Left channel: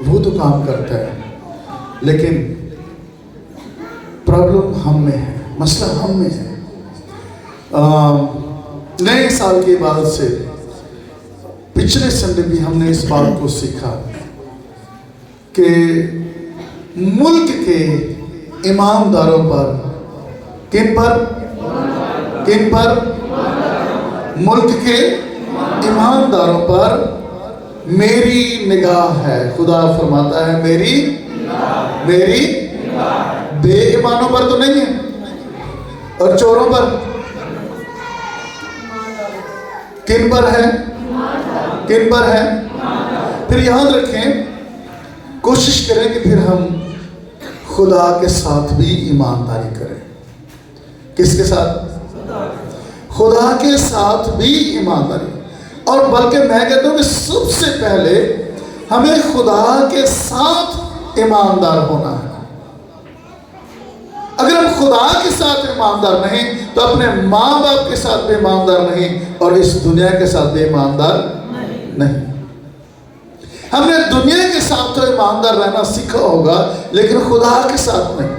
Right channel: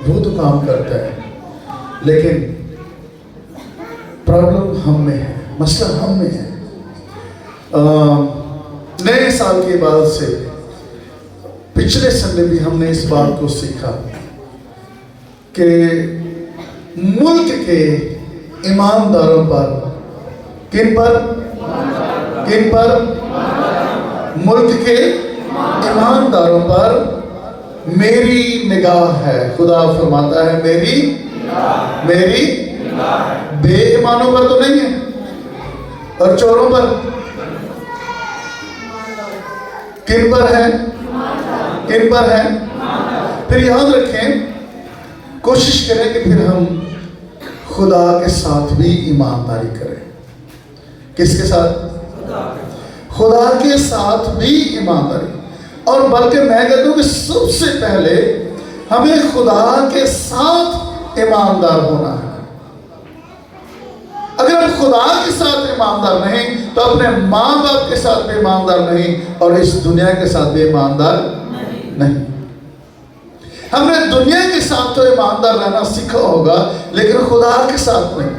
वो तो काम करता है, लेकिन प्रॉब्लम हम में है, मसला हम में है। नए साल के बाद से पिछले संडे भी हमने इस बात को सीखा कि मुल्क के ईमानदारों पर, किन पर मुल्क के ईमानदारों पर मेरी निगाह है। खुदा फरमाता है मेरी बेईमानों पर तो नहीं है, और चोरों पर किन पर है? फिर याद रखें, कोशिश करें कि फिर हम खुदा के साथ भी ईमानदारी करें। किसके साथ? खुदा के साथ भी ईमानदारी। और बल्कि मैं कहता हूं कि सबसे पहले हमें खुदा के साथ ईमानदार होना है। अगर हम खुदा के साथ ईमानदार नहीं तो अपने माँ बाप के साथ भी ईमानदार नहीं, और इस दुनिया के साथ भी ईमानदार नहीं। हमने दुनिया के साथ तो ईमानदार रहना सीखा होगा, लेकिन खुदा के साथ नहीं।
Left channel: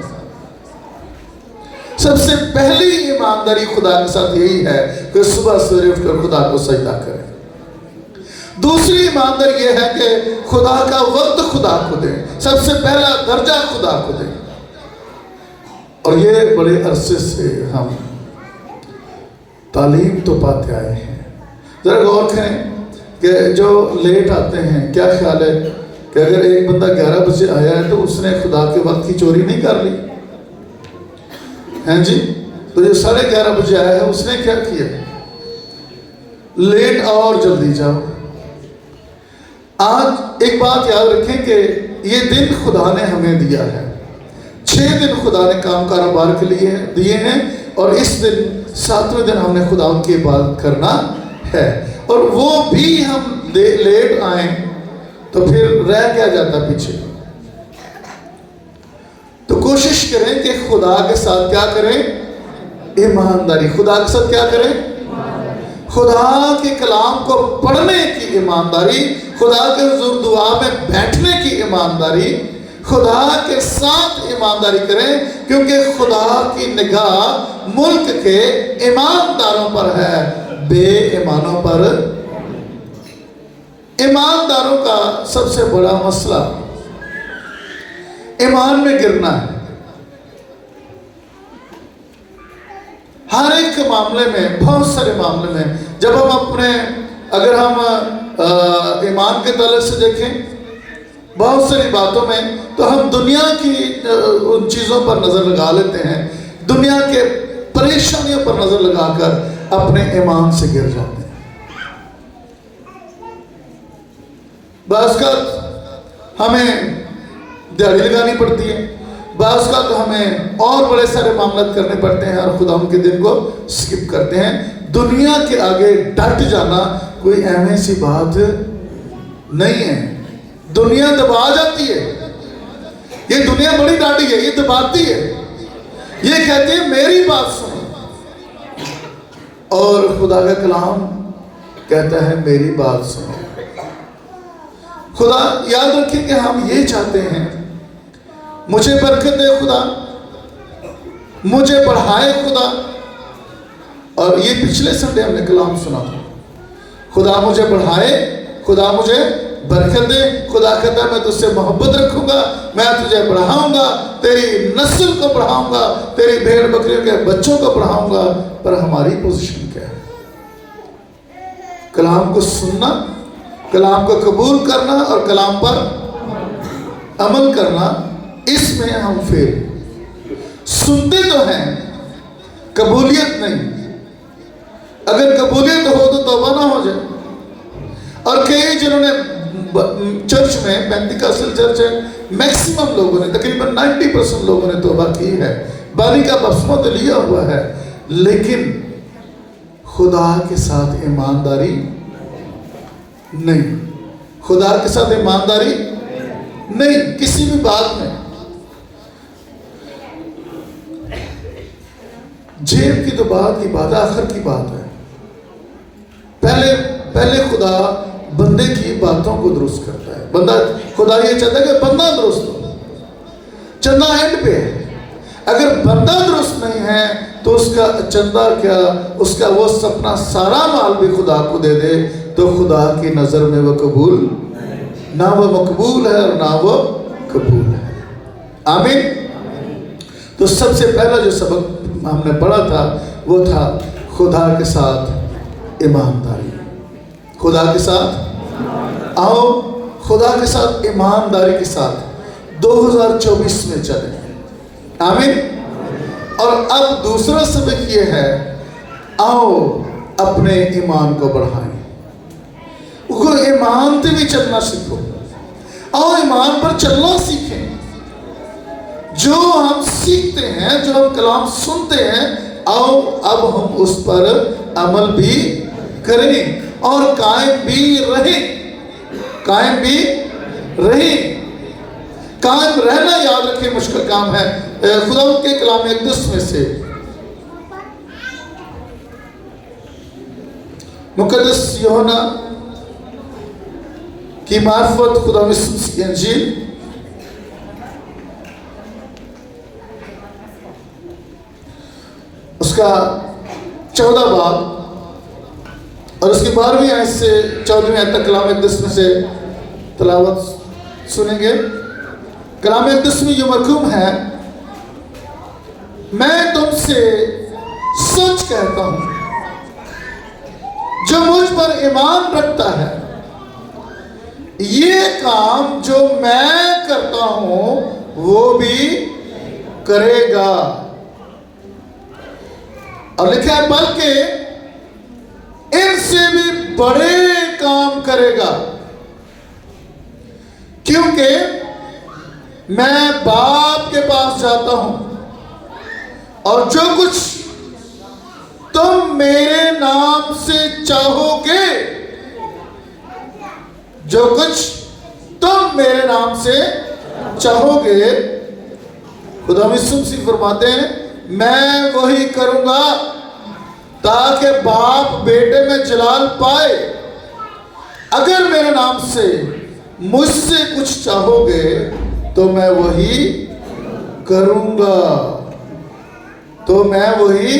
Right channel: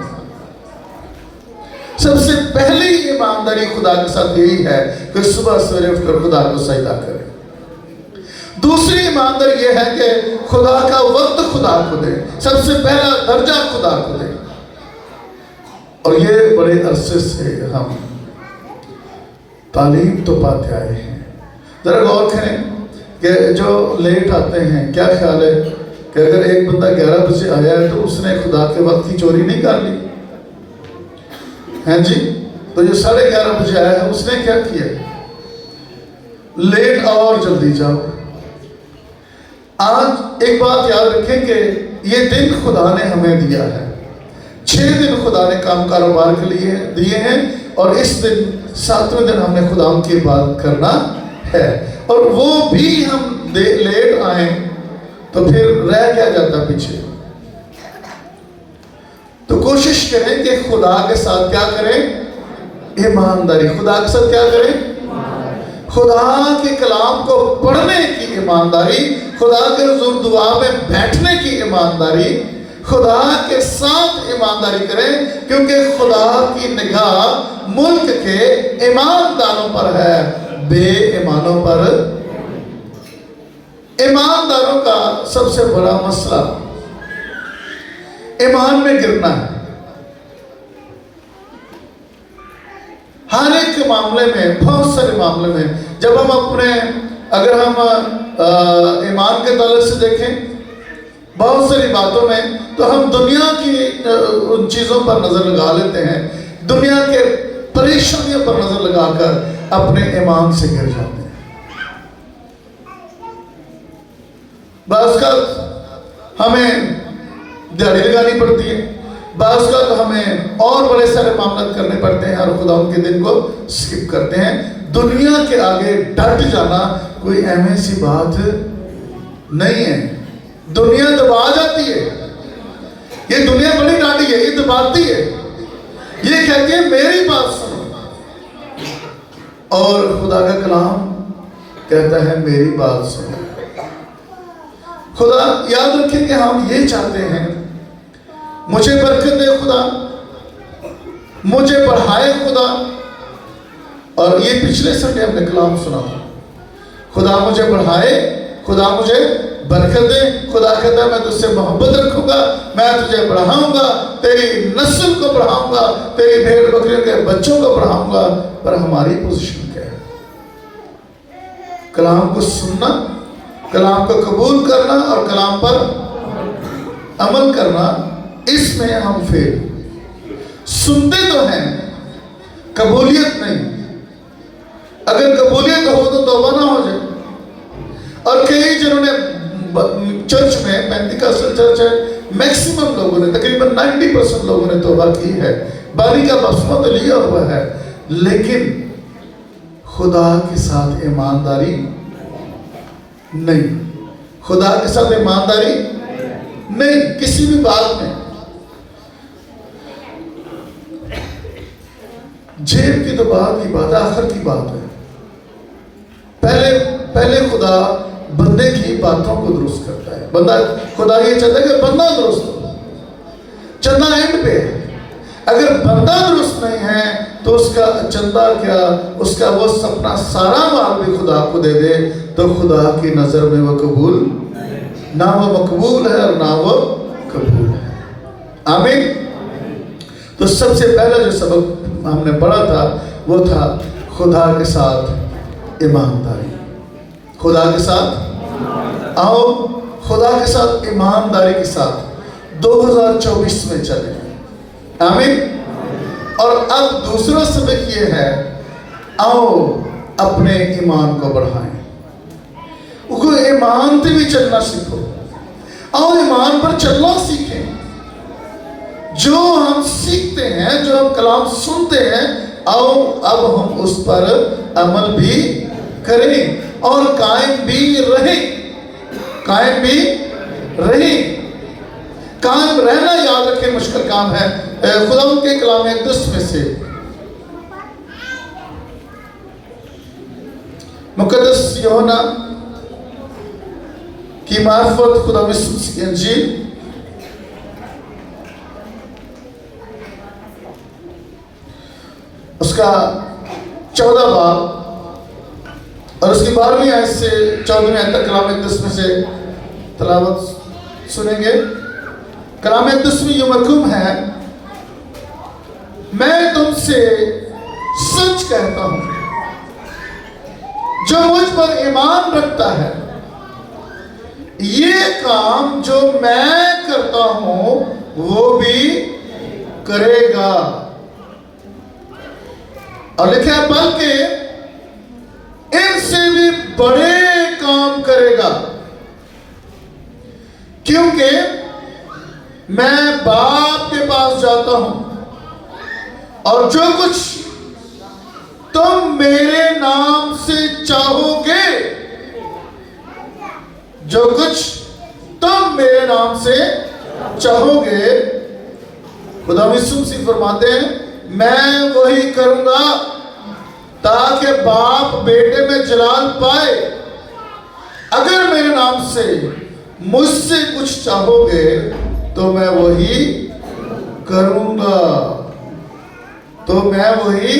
सबसे पहली ईमानदारी खुदा के साथ यही है कि सुबह सवेरे उठकर खुदा को सजदा करें। दूसरी ईमानदारी यह है कि खुदा का वक्त खुदा को दें। सबसे पहला दर्जा खुदा को दें। और ये बड़े अरसे से हम तालीम तो पाते आए हैं। जरा गौर करें कि जो लेट आते हैं, क्या ख्याल है कि अगर एक बंदा 11 बजे आया है तो उसने खुदा के वक्त की चोरी नहीं कर ली है जी? तो जो 11:30 बजे आया है उसने क्या किया? लेट और जल्दी जाओ। आज एक बात याद रखें कि ये दिन खुदा ने हमें दिया है। 6 दिन खुदा ने काम कारोबार के लिए दिए हैं, और इस दिन 7वें दिन हमने खुदा की इबादत करना है। और वो भी हम लेट आए तो फिर रह क्या जाता पीछे। तो कोशिश करें कि खुदा के साथ क्या करें? ईमानदारी। खुदा के साथ क्या करें? खुदा के कलाम को पढ़ने की ईमानदारी, खुदा के हुजूर दुआ में बैठने की ईमानदारी, खुदा के साथ ईमानदारी करें, क्योंकि खुदा की निगाह मुल्क के ईमानदारों पर है, बेईमानों पर। ईमानदारों का सबसे बड़ा मसला ईमान में गिरना है। हर एक मामले में, बहुत सारे मामले में, जब हम अपने, अगर हम ईमान के तलक से देखें बहुत सारी बातों में, तो हम दुनिया की उन चीज़ों पर नज़र लगा लेते हैं, दुनिया के परेशानियों पर नज़र लगाकर अपने ईमान से गिर जाते हैं। बाज़ का हमें दिहाड़ी लगानी पड़ती है, बाज़ का तो हमें और बड़े सारे मामले करने पड़ते हैं, और खुदा उनके दिन को स्किप करते हैं। दुनिया के आगे डट जाना कोई अहम सी बात नहीं है। दुनिया दबा जाती है। ये दुनिया बड़ी डांटी है, ये दबाती है, ये कहती है मेरी बात सुनो, और खुदा का कलाम कहता है मेरी बात सुनो। खुदा याद रखें कि हम ये चाहते हैं, मुझे बरकत दे खुदा, मुझे बढ़ाए खुदा। और ये पिछले संडे हमने कलाम सुना था, खुदा मुझे बढ़ाए, खुदा मुझे बरकत दे। खुदा कहता है मैं तुझसे मोहब्बत रखूंगा, मैं तुझे बढ़ाऊंगा, तेरी नस्ल को बढ़ाऊंगा, तेरी भेड़ बकरियों के बच्चों को बढ़ाऊंगा। पर हमारी पोजीशन क्या है? कलाम को सुनना, कलाम को कबूल करना और कलाम पर अमल करना, इसमें हम फेल। सुनते तो हैं, कबूलियत नहीं। अगर कबूलियत हो तो तौबा ना हो जाए। और कई जिन्होंने चर्च में, पेंटिकॉस्टल चर्च है, मैक्सिमम लोगों ने, तकरीबन 90% लोगों ने तौबा की है, बारी का बपतिस्मा तो लिया हुआ है, लेकिन खुदा के साथ ईमानदारी नहीं। खुदा के साथ ईमानदारी नहीं, किसी भी बात में। जेब की तो बात की बात, आखिर की बात है। पहले खुदा बंदे की बातों को दुरुस्त करता है। बंदा, खुदा ये चाहता है कि बंदा दुरुस्त हो। चंदा एंड पे है। अगर बंदा दुरुस्त नहीं है तो उसका चंदा क्या, उसका वो सपना सारा माल भी खुदा को दे दे तो खुदा की नजर में वो कबूल, ना वो मकबूल है और ना वो कबूल है। आमीन। तो सबसे पहला जो सबक हमने पढ़ा था वो था खुदा के साथ ईमानदारी। खुदा के साथ आओ, खुदा के साथ ईमानदारी के साथ 2024 में चले। आमीन। और अब दूसरा सबक ये है, आओ अपने ईमान को बढ़ाएं। वो ईमान से भी चलना सीखो। आओ ईमान पर चलना सीखें। जो हम सीखते हैं, जो हम कलाम सुनते हैं, आओ अब हम उस पर अमल भी करें और कायम भी रहें। कायम भी रहें। कायम रहना याद रखें मुश्किल काम है। खुदा के कलाम अक़दस में से मुक़द्दस यूहन्ना की मार्फत खुदा यीशु की इंजील उसका 14 बाब और उसकी 12वीं आयत से 14वीं आयत तक कलाम अक़दस में से तलावत सुनेंगे। कलाम अक़दस में ये मरकूम है, मैं तुमसे सच कहता हूं, जो मुझ पर ईमान रखता है ये काम जो मैं करता हूं वो भी करेगा। और लिखा है बल्कि इनसे भी बड़े काम करेगा, क्योंकि मैं बाप के पास जाता हूं और जो कुछ तुम मेरे नाम से चाहोगे, जो कुछ तुम मेरे नाम से चाहोगे, खुदा यीशु मसीह फरमाते हैं मैं वही करूंगा ताकि बाप बेटे में जलाल पाए। अगर मेरे नाम से मुझसे कुछ चाहोगे तो मैं वही करूंगा, तो मैं वही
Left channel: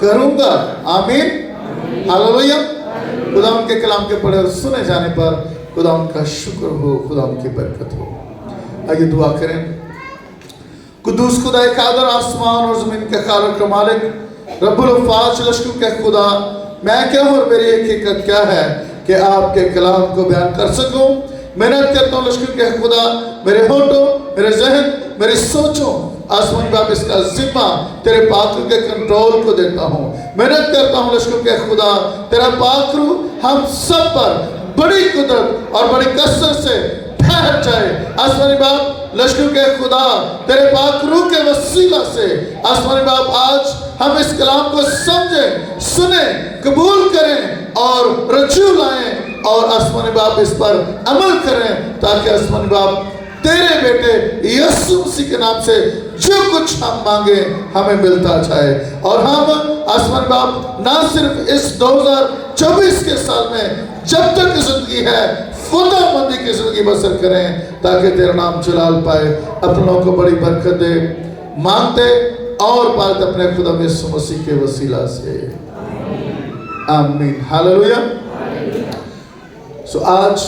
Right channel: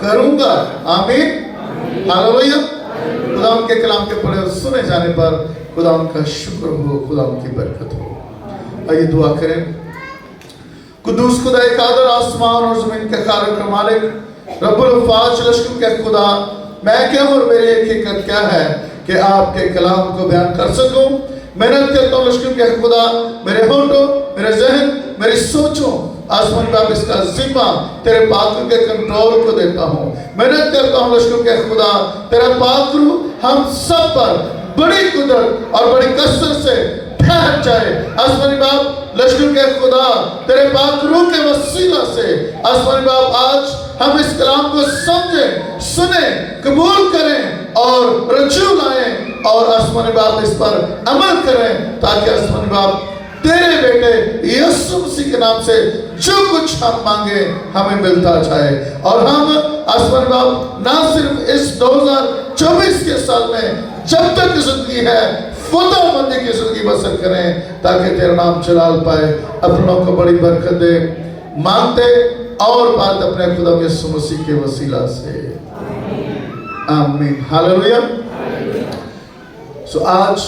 करूंगा। आमीन। हालेलुया। खुदा के कलाम के पढ़े और सुने जाने पर खुदा उनका शुक्र हो, खुदा उनकी बरकत हो। आइए दुआ करें। कुदूस खुदा कादर आसमान और ज़मीन के खालिक का मालिक रब्बुल फाज लश्कर के खुदा, मैं क्या हूँ और मेरी एक हिकमत क्या है कि आपके कलाम को बयान कर सकूं। मेहनत करता हूँ लश्कर के खुदा, मेरे होठों, मेरे जहन, मेरी सोचों, आसमान बाप इसका जिम्मा तेरे पाक के कंट्रोल को देता हूँ। मेहनत करता हूँ लश्कर के खुदा, तेरा पाक रूह हम सब पर बड़ी कुदरत और बड़ी कसरत से ठहर जाए। आसमानी बाप लश्कर के खुदा, तेरे पाक रूह के वसीला से आसमानी बाप आज हम इस कलाम को समझें, सुने, कबूल करें और रजू लाएं और आसमानी बाप इस पर अमल करें, ताकि आसमानी बाप तेरे बेटे यीशु मसीह के नाम से जो कुछ हम मांगे हमें मिलता जाए। और हम आसमानी बाप ना सिर्फ इस 2024 के साल में जब तक जिंदगी है खुदाबंदी की जिंदगी बसर करें, ताकि तेरा नाम जलाल पाए, अपनों को बड़ी बरकत दे। मांगते और बात अपने खुदा यीशु मसीह के वसीला से, आमीन। हालेलुया। सो आज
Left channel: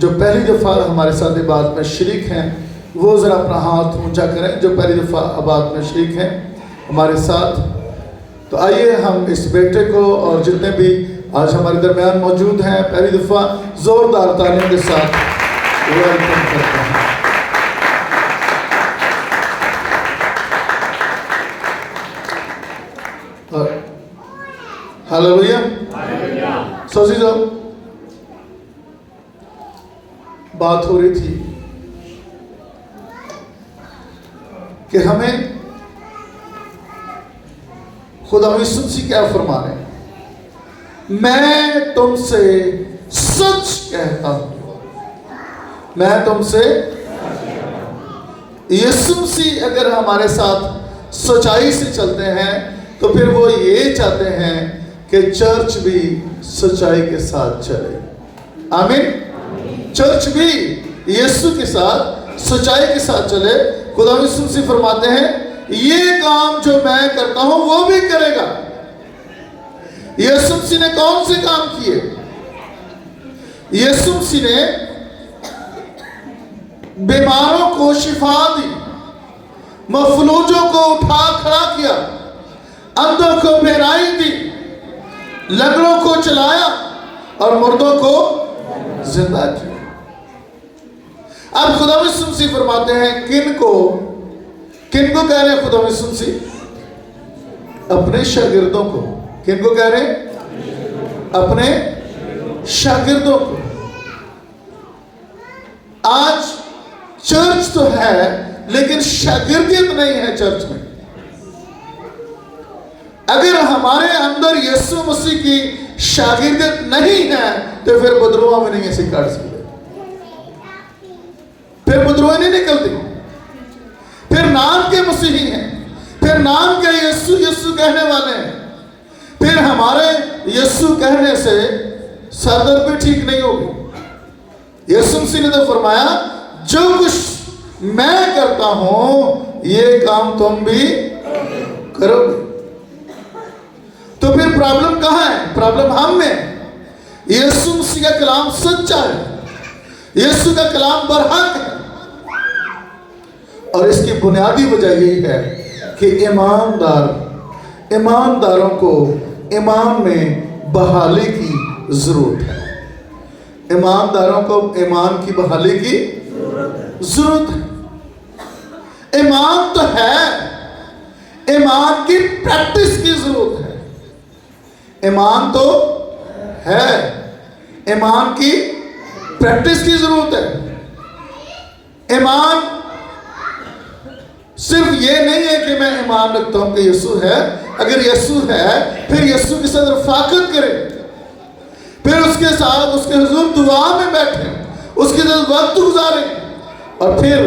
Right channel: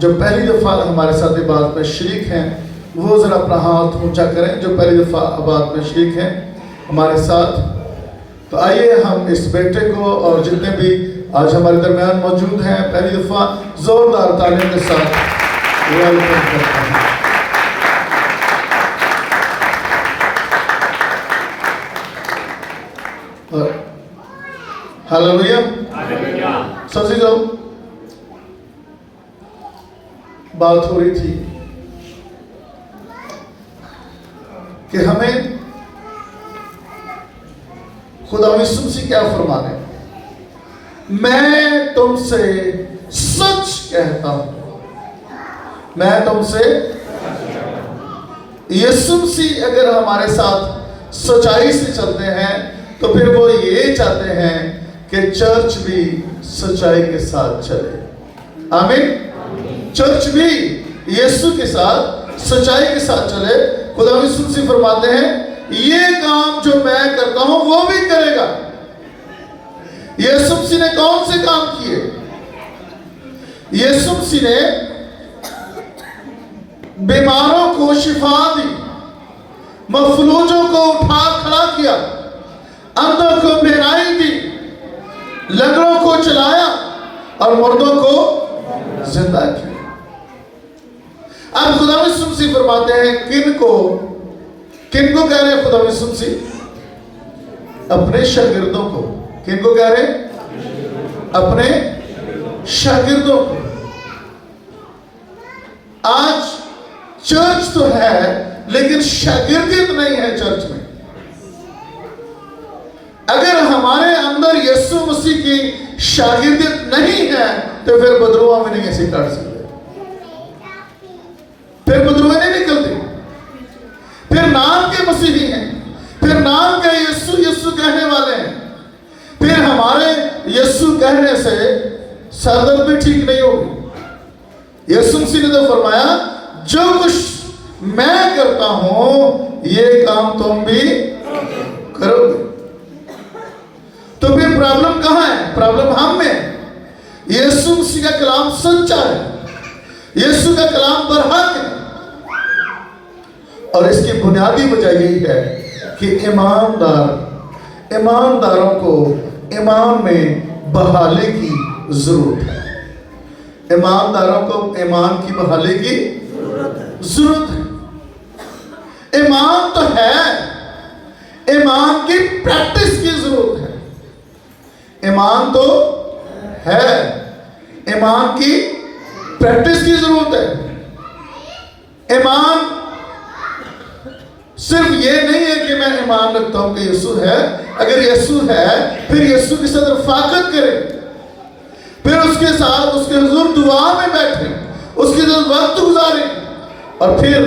जो पहली दफा हमारे साथ इबादत में शरीक हैं वो जरा अपना हाथ ऊंचा करें, जो पहली दफा इबादत में शरीक हैं हमारे साथ। तो आइए हम इस बेटे को और जितने भी आज हमारे दरमियान मौजूद हैं पहली दफा जोरदार तालियों के साथ वेलकम करते हैं। हालेलुया। सोची जाओ, बात हो रही थी कि हमें खुदा यीशु मसीह क्या फरमा रहे हैं, मैं तुमसे सच कहता हूं, मैं तुमसे। यीशु मसीह अगर हमारे साथ सच्चाई से चलते हैं तो फिर वो ये चाहते हैं कि चर्च भी सच्चाई के साथ चले। आमीन। चर्च भी यीशु के साथ सच्चाई के साथ चले। खुदा यीशु मसीह फरमाते हैं ये काम जो मैं करता हूं वो भी करेगा। यीशु मसीह ने कौन से काम किए? यीशु मसीह ने बीमारों को शिफा दी, मफलूजों को उठा खड़ा किया, अंधों को बेराई दी, लंगड़ों को चलाया और मुर्दों को जिंदा किया। अब खुदा यीशु मसीह फरमाते हैं किनको कह रहे हैं खुदा यीशु मसीह? अपने शागिर्दों को। किनको कह रहे हैं? अपने शागिर्दों को। आज चर्च तो है लेकिन शागिर्दियत नहीं है चर्च में। अगर हमारे अंदर यीशु मसीह की शागिर्दियत नहीं है तो फिर बदरुआ में नहीं ऐसे काट सकते, फिर बदरुआ नहीं निकलती, फिर नाम के मसीही हैं, फिर नाम के यीशु यीशु कहने वाले हैं, फिर हमारे यीशु कहने से सरदर्द भी ठीक नहीं होगी। यीशु मसीह ने तो फरमाया जो कुछ मैं करता हूं ये काम तुम भी करोगे। तो फिर प्रॉब्लम कहां है? प्रॉब्लम हम में। यीशु मसीह का कलाम सच्चा है, यीशु का कलाम बरहक है और इसकी बुनियादी वजह यही है कि ईमानदारों को ईमान में बहाली की जरूरत है। ईमानदारों को ईमान की बहाली की जरूरत है। ईमान तो है, ईमान की प्रैक्टिस की जरूरत है। ईमान तो है, ईमान की प्रैक्टिस की जरूरत है। ईमान सिर्फ ये नहीं है कि मैं ईमान रखता हूं कि यीशु है। अगर यीशु है फिर यीशु के साथ रफाकत करें, फिर उसके साथ उसके हुजूर दुआ में बैठें, उसके साथ वक्त गुजारें। और फिर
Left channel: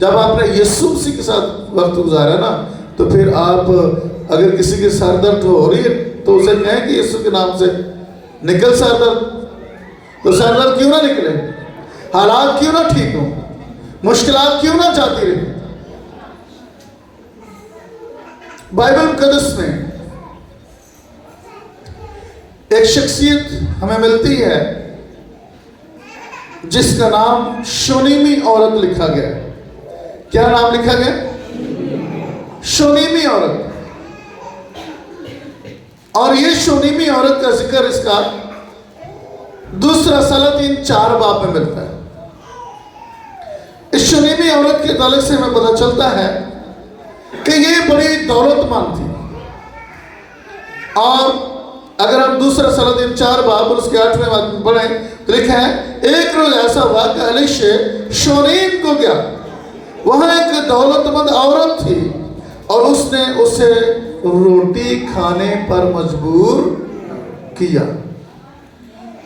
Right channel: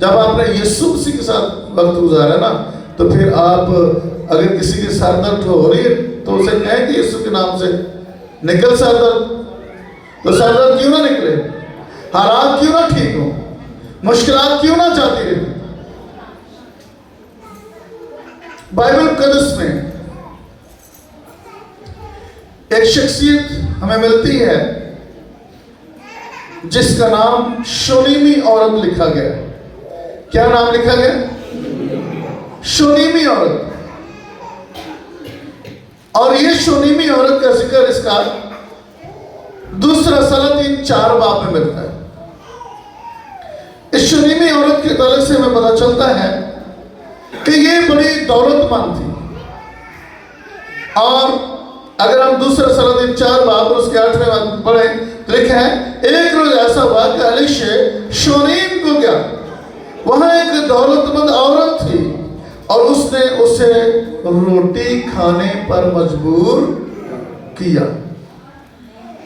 जब आपने यीशु मसीह के साथ वक्त गुजारा ना तो फिर आप अगर किसी के सर दर्द हो रही है तो उसे कहें कि यीशु के नाम से निकल सर दर्द। तो सर दर्द क्यों ना निकले, हालात क्यों ना ठीक हो, मुश्किलात क्यों ना जाती रहे। बाइबल मुकद्दस में एक शख्सियत हमें मिलती है जिसका नाम शूनीमी औरत लिखा गया। क्या नाम लिखा गया? शूनीमी औरत। और ये शूनीमी औरत का जिक्र इसका दूसरा सलातीन 4 बाब में मिलता है। इस शूनीमी औरत के ताल्लुक से हमें पता चलता है कि ये बड़ी दौलतमंद थी। और अगर हम दूसरा सलातीन 4 बाब उसके 8वें बाब में पढ़ें तो लिखा है एक रोज ऐसा हुआ कि एलीशा शूनीम को गया। वहां एक दौलतमंद औरत थी और उसने उसे रोटी खाने पर मजबूर किया।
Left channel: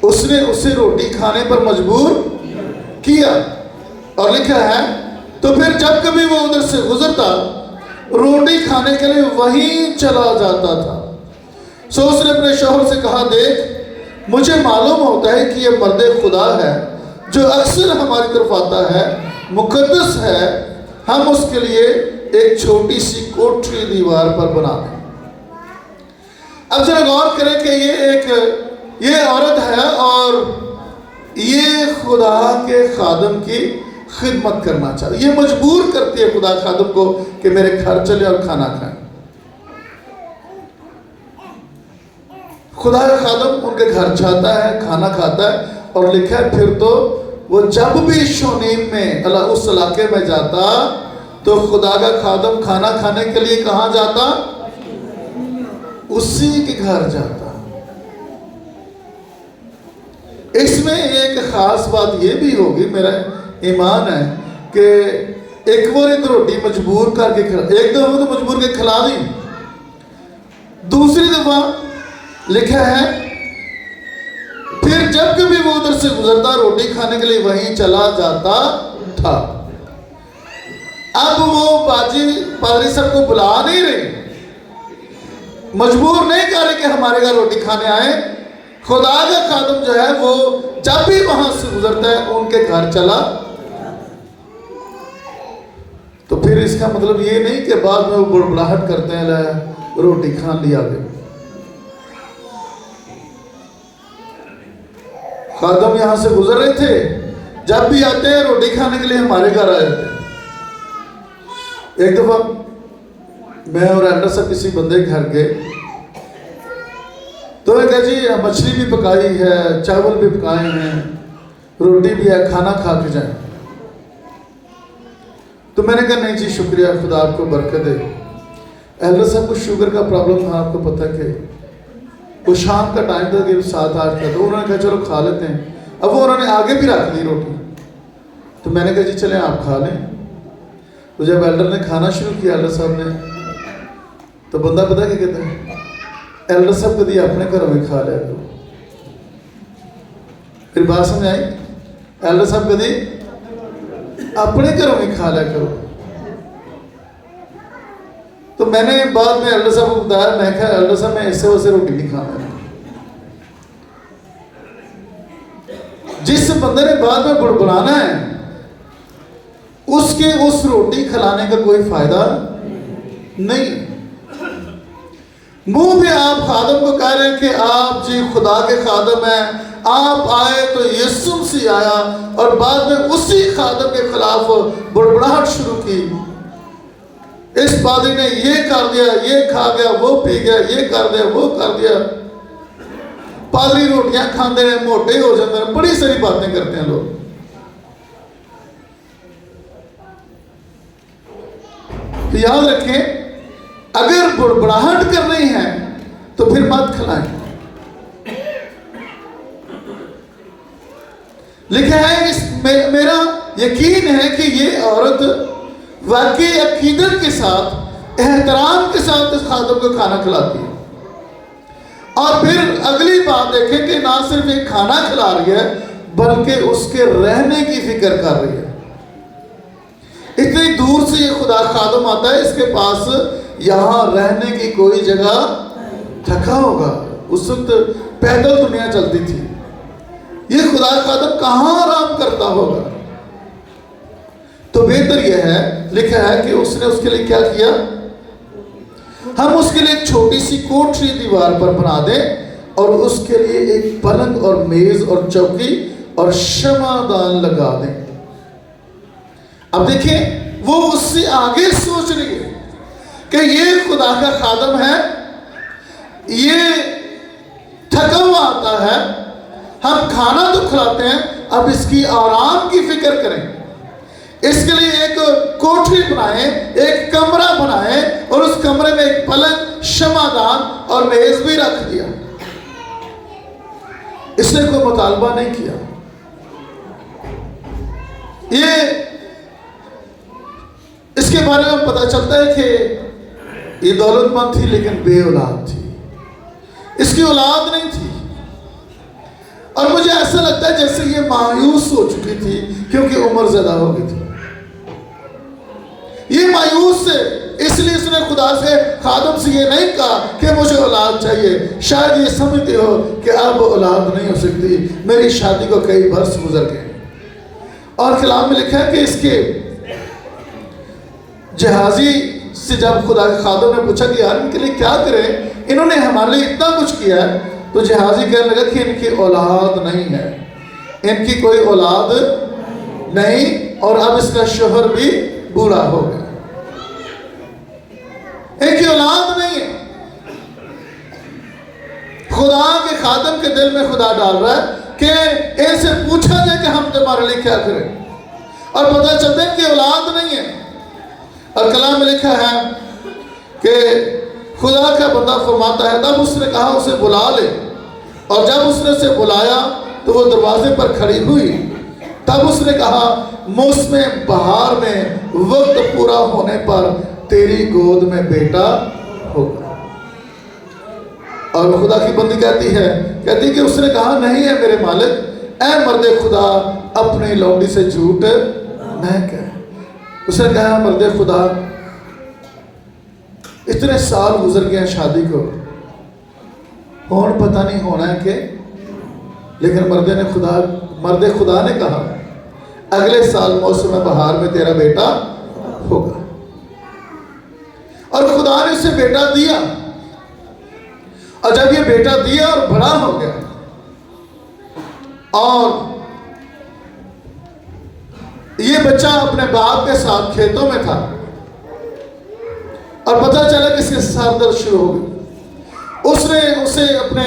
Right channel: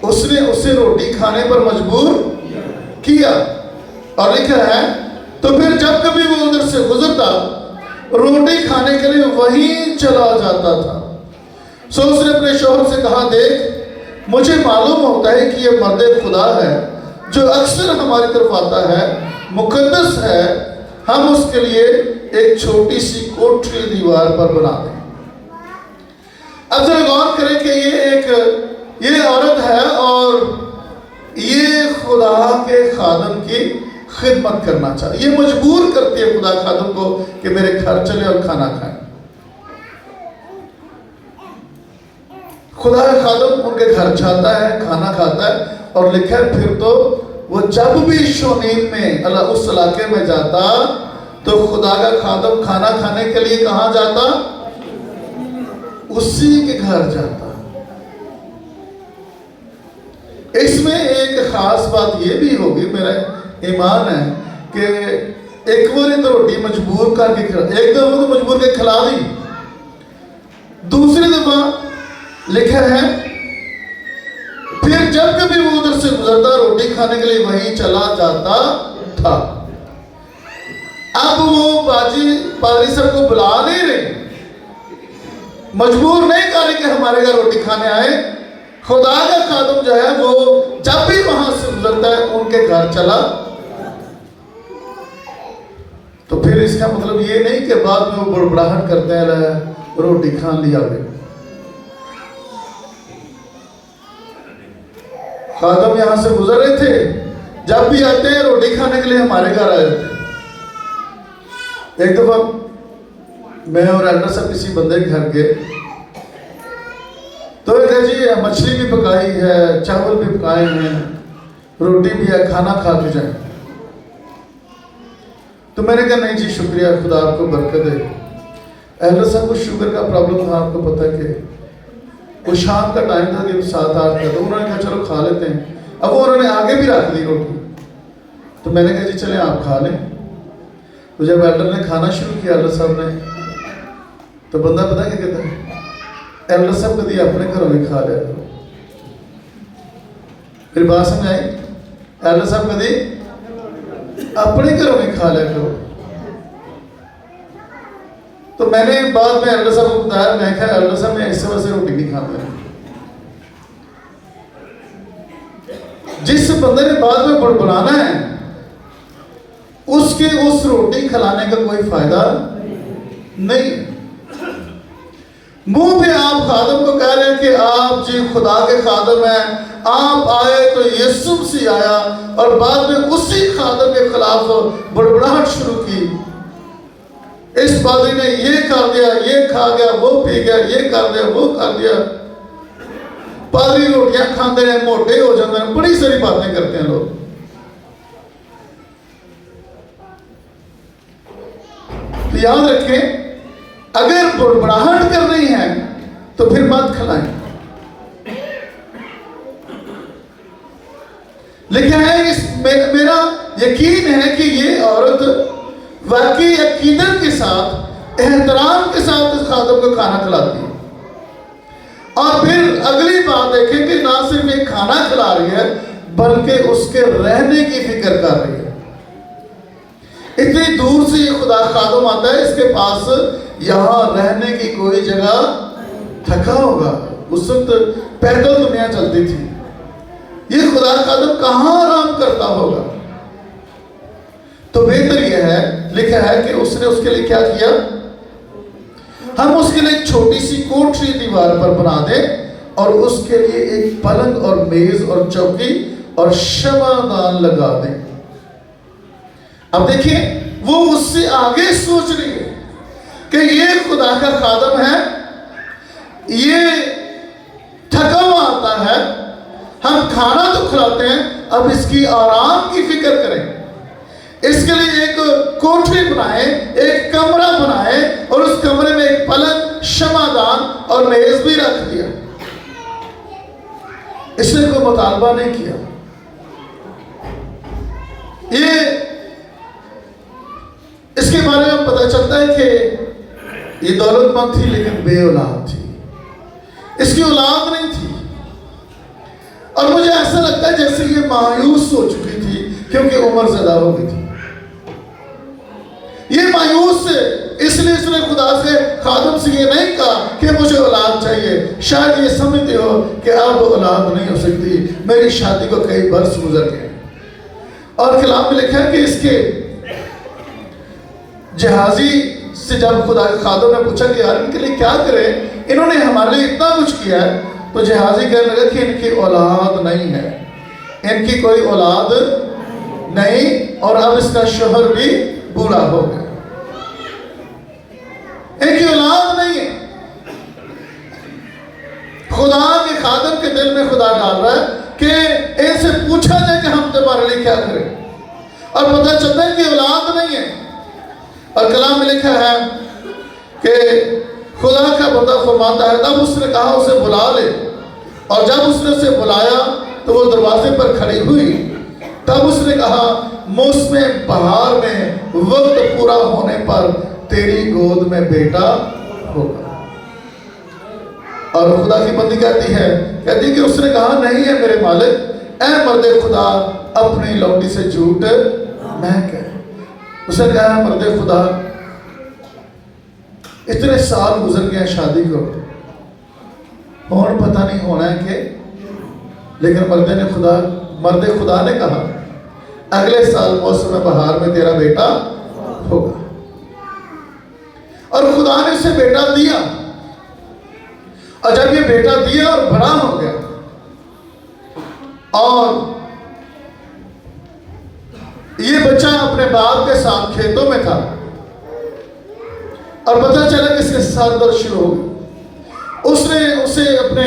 उसने उसे रोटी खाने पर मजबूर किया। और लिखा है तो फिर जब कभी वो उधर से गुजरता रोटी खाने के लिए वहीं चला जाता था। सो उसने अपने शौहर से कहा देख मुझे मालूम होता है कि यह मर्द खुदा है जो अक्सर हमारी तरफ आता है, मुकद्दस है, हम उसके लिए एक छोटी सी कोठरी दीवार पर बना दें। अब जरा गौर करें कि ये औरत है और ये खुदा के खादम की खिदमत करना चाहती। ये मजबूर करती है खुदा खादम को कि मेरे घर चले और खाना खाएं। खुदा का खादम उनके घर जाता है, खाना खाता है। और लिखा है फिर तो वो जब भी शूनीम में उस इलाके में जाता तो खुदा का खादम खाना खाने के लिए कहां जाता? उसी के घर जाता। इसमें एक खास बात यह भी होगी, मेरा ईमान है कि एक बार तो रोटी मजबूर करके खिला, एक दफा तो मजबूर के खिला दी, दूसरी दफा लिखा है फिर जब कभी वो उधर से गुजरता रोटी खाने के लिए वहीं चला जाता था। अब वो पादरी साहब को बुला नहीं रहे, मजबूर नहीं कर रहे कि हमारे घर रोटी खाने आए, खुदा का खादम जो है वो जब भी वहां से गुजरता है उनके घर चला, तो फिर इसका मतलब ये नहीं कि बाद में वो बुड़बड़ाहट करते हैं रोटी खान लिया गई। खादम यहां से गुजर रहे थे, जब भी आते हैं रोटी खाने के लिए हमारे घर आ जाते हैं। एक दफा मैं और एल्डर साहब किसी बंदे के घर गए, तो मैं कहा जी मछली भी पकाई है, चावल भी पकाए हैं, रोटी भी है, खाना खा के जाए। तो मैंने कहा नहीं जी शुक्रिया, खुदा आपको बरकत दे। एल्डर साहब को शुगर का प्रॉब्लम था, आपको पता है कि वो शाम का टाइम था कि 7-8 का, तो उन्होंने कहा चलो खा लेते हैं। अब वो उन्होंने आगे भी रख ली रोटी, तो मैंने कहा जी चले आप खा लें। तो जब एल्डर ने खाना शुरू किया एल्डर साहब ने, तो बंदा पता क्या कहता है, एल्डर साहब कभी अपने घरों में खा लिया करो। फिर बात समझ आई, एल्डर साहब कभी अपने घरों में खा लिया करो। तो मैंने बाद में एल्डर साहब को बताया, मैं कहा एल्डर साहब मैं इससे वैसे रोटी नहीं खाता। जिस बंदे ने बाद में बुड़बुड़ाना है उसके उस रोटी खिलाने का कोई फायदा नहीं। मुंह पे आप खादम को कह रहे हैं कि आप जी खुदा के खादम हैं, आप आए तो यीशु मसीह आया, और बाद में उसी खादम के खिलाफ बुड़बुड़ाहट शुरू की। इस पादरी ने ये कर दिया, ये खा गया, वो पी गया, ये कर दिया, वो कर दिया। पादरी रोटियां खाते हैं, मोटे हो जाते हैं, बड़ी सारी बातें करते हैं लोग। तो याद रखें, अगर बुड़बुड़ाहट करनी है तो फिर मत खिलाएं। लिखा है, मेरा यकीन है कि ये औरत वाकई अकीदत के साथ, एहतराम के साथ इस खादम को खाना खिलाती है। और फिर अगली बात देखें कि ना सिर्फ एक खाना खिला रही है बल्कि उसके रहने की फिक्र कर रही है। इतनी दूर से ये खुदा खादम आता है, इसके पास यहाँ रहने की कोई जगह, थका होगा, उस वक्त पैदल दुनिया चलती थी, ये खुदा खादम कहाँ आराम करता होगा। तो बेहतर यह है, लिखा है कि उसने उसके लिए क्या किया, हम उसके लिए एक छोटी सी कोठरी दीवार पर बना दें और उसके लिए एक पलंग और मेज और चौकी और शमादान लगा दें। अब देखिए, वो उससे आगे सोच रही है कि ये खुदा का खादम है, ये थका हुआ आता है, हम खाना तो खिलाते हैं, अब इसकी आराम की फिक्र करें। इसके लिए एक कोठरी बनाए, एक कमरा बनाए, और उस कमरे में एक पलंग, शमादान और मेज भी रख दिया। इसने कोई मुतालबा नहीं किया। ये इसके बारे में पता चलता है कि ये दौलतमंद थी लेकिन बे औलाद थी, इसकी औलाद नहीं थी। और मुझे ऐसा लगता है जैसे ये मायूस हो चुकी थी क्योंकि उम्र ज्यादा हो गई थी। ये मायूस से इसलिए इसने खुदा से, खादम से ये नहीं कहा कि मुझे औलाद चाहिए। शायद ये समझते हो कि अब औलाद नहीं हो सकती, मेरी शादी को कई वर्ष गुजर गए। और कलाम में लिखा है कि इसके जहाजी से जब खुदा के खादम ने पूछा कि यार इनके लिए क्या करें, इन्होंने हमारे लिए इतना कुछ किया है, तो जहाजी कहने लगा कि इनकी औलाद नहीं है, इनकी कोई औलाद नहीं, और अब इसका शोहर भी बूढ़ा हो गया, इनकी औलाद नहीं है। खुदा के खादम के दिल में खुदा डाल रहा है कि इनसे पूछा जाए कि हम तुम्हारे लिए क्या करें, और पता चलता है कि औलाद नहीं है। और कलाम में लिखा है कि खुदा का बंदा फरमाता है, तब उसने कहा उसे बुला ले, और जब उसने उसे बुलाया तो वो दरवाजे पर खड़ी हुई। तब उसने कहा, मौसम बहार में वक्त पूरा होने पर तेरी गोद में बेटा होगा। और खुदा की बंदी कहती है कि उसने कहा, नहीं है मेरे मालिक, ऐ मर्दे खुदा अपनी लौंडी से झूठ न कह। उसने कहा, मर्दे खुदा इतने साल गुजर गए शादी को, और पता नहीं होना है कि लेकिन मर्द खुदा ने कहा अगले साल मौसम बहार में तेरा बेटा होगा। और खुदा ने उसे बेटा दिया, और जब ये बेटा दिया और बड़ा हो गया और ये बच्चा अपने बाप के साथ खेतों में था और पता चला कि इसके सर दर्द शुरू हो गई। उसने उसे अपने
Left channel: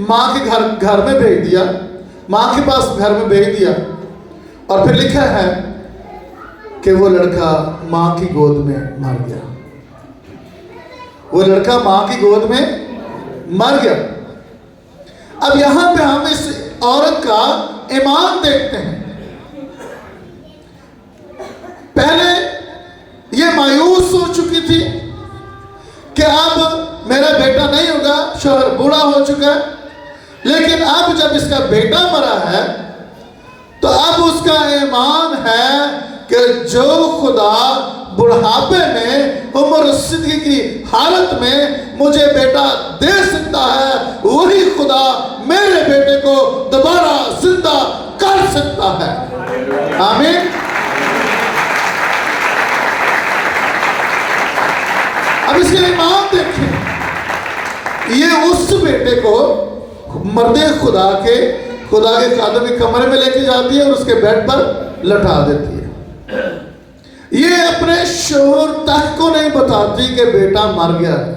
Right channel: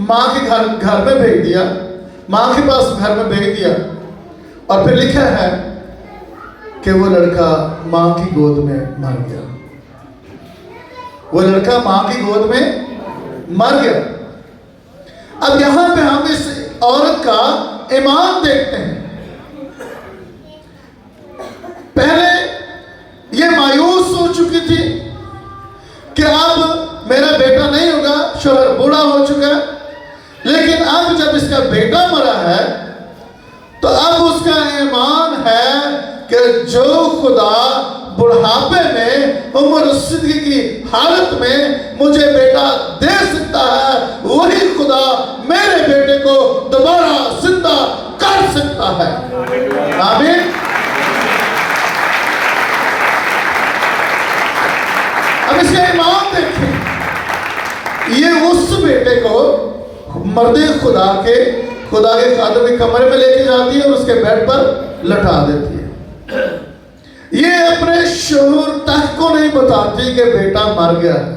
माँ के घर में भेज दिया, माँ के पास घर में भेज दिया, और फिर लिखा है कि वो लड़का माँ की गोद में मर गया। वो लड़का माँ की गोद में मर गया। अब यहां पे हम इस औरत का ईमान देखते हैं। पहले ये मायूस हो चुकी थी कि अब मेरा बेटा नहीं होगा, शोहर बूढ़ा हो चुका है, लेकिन अब जब इसका बेटा मरा है तो अब उसका ईमान है कि जो खुदा बुढ़ापे में उम्र रसीदगी की हालत में मुझे बेटा दे सकता है, वही खुदा मेरे बेटे को दोबारा जिंदा कर सकता है। आमीन। अब इसका ईमान देखें, ये उस बेटे को मर्दे खुदा के खादम के कमरे में लेके जाती है और उसके बेड पर लटा देती है। ये अपने शोहर तक को नहीं बताती कि बेटा मर गया है।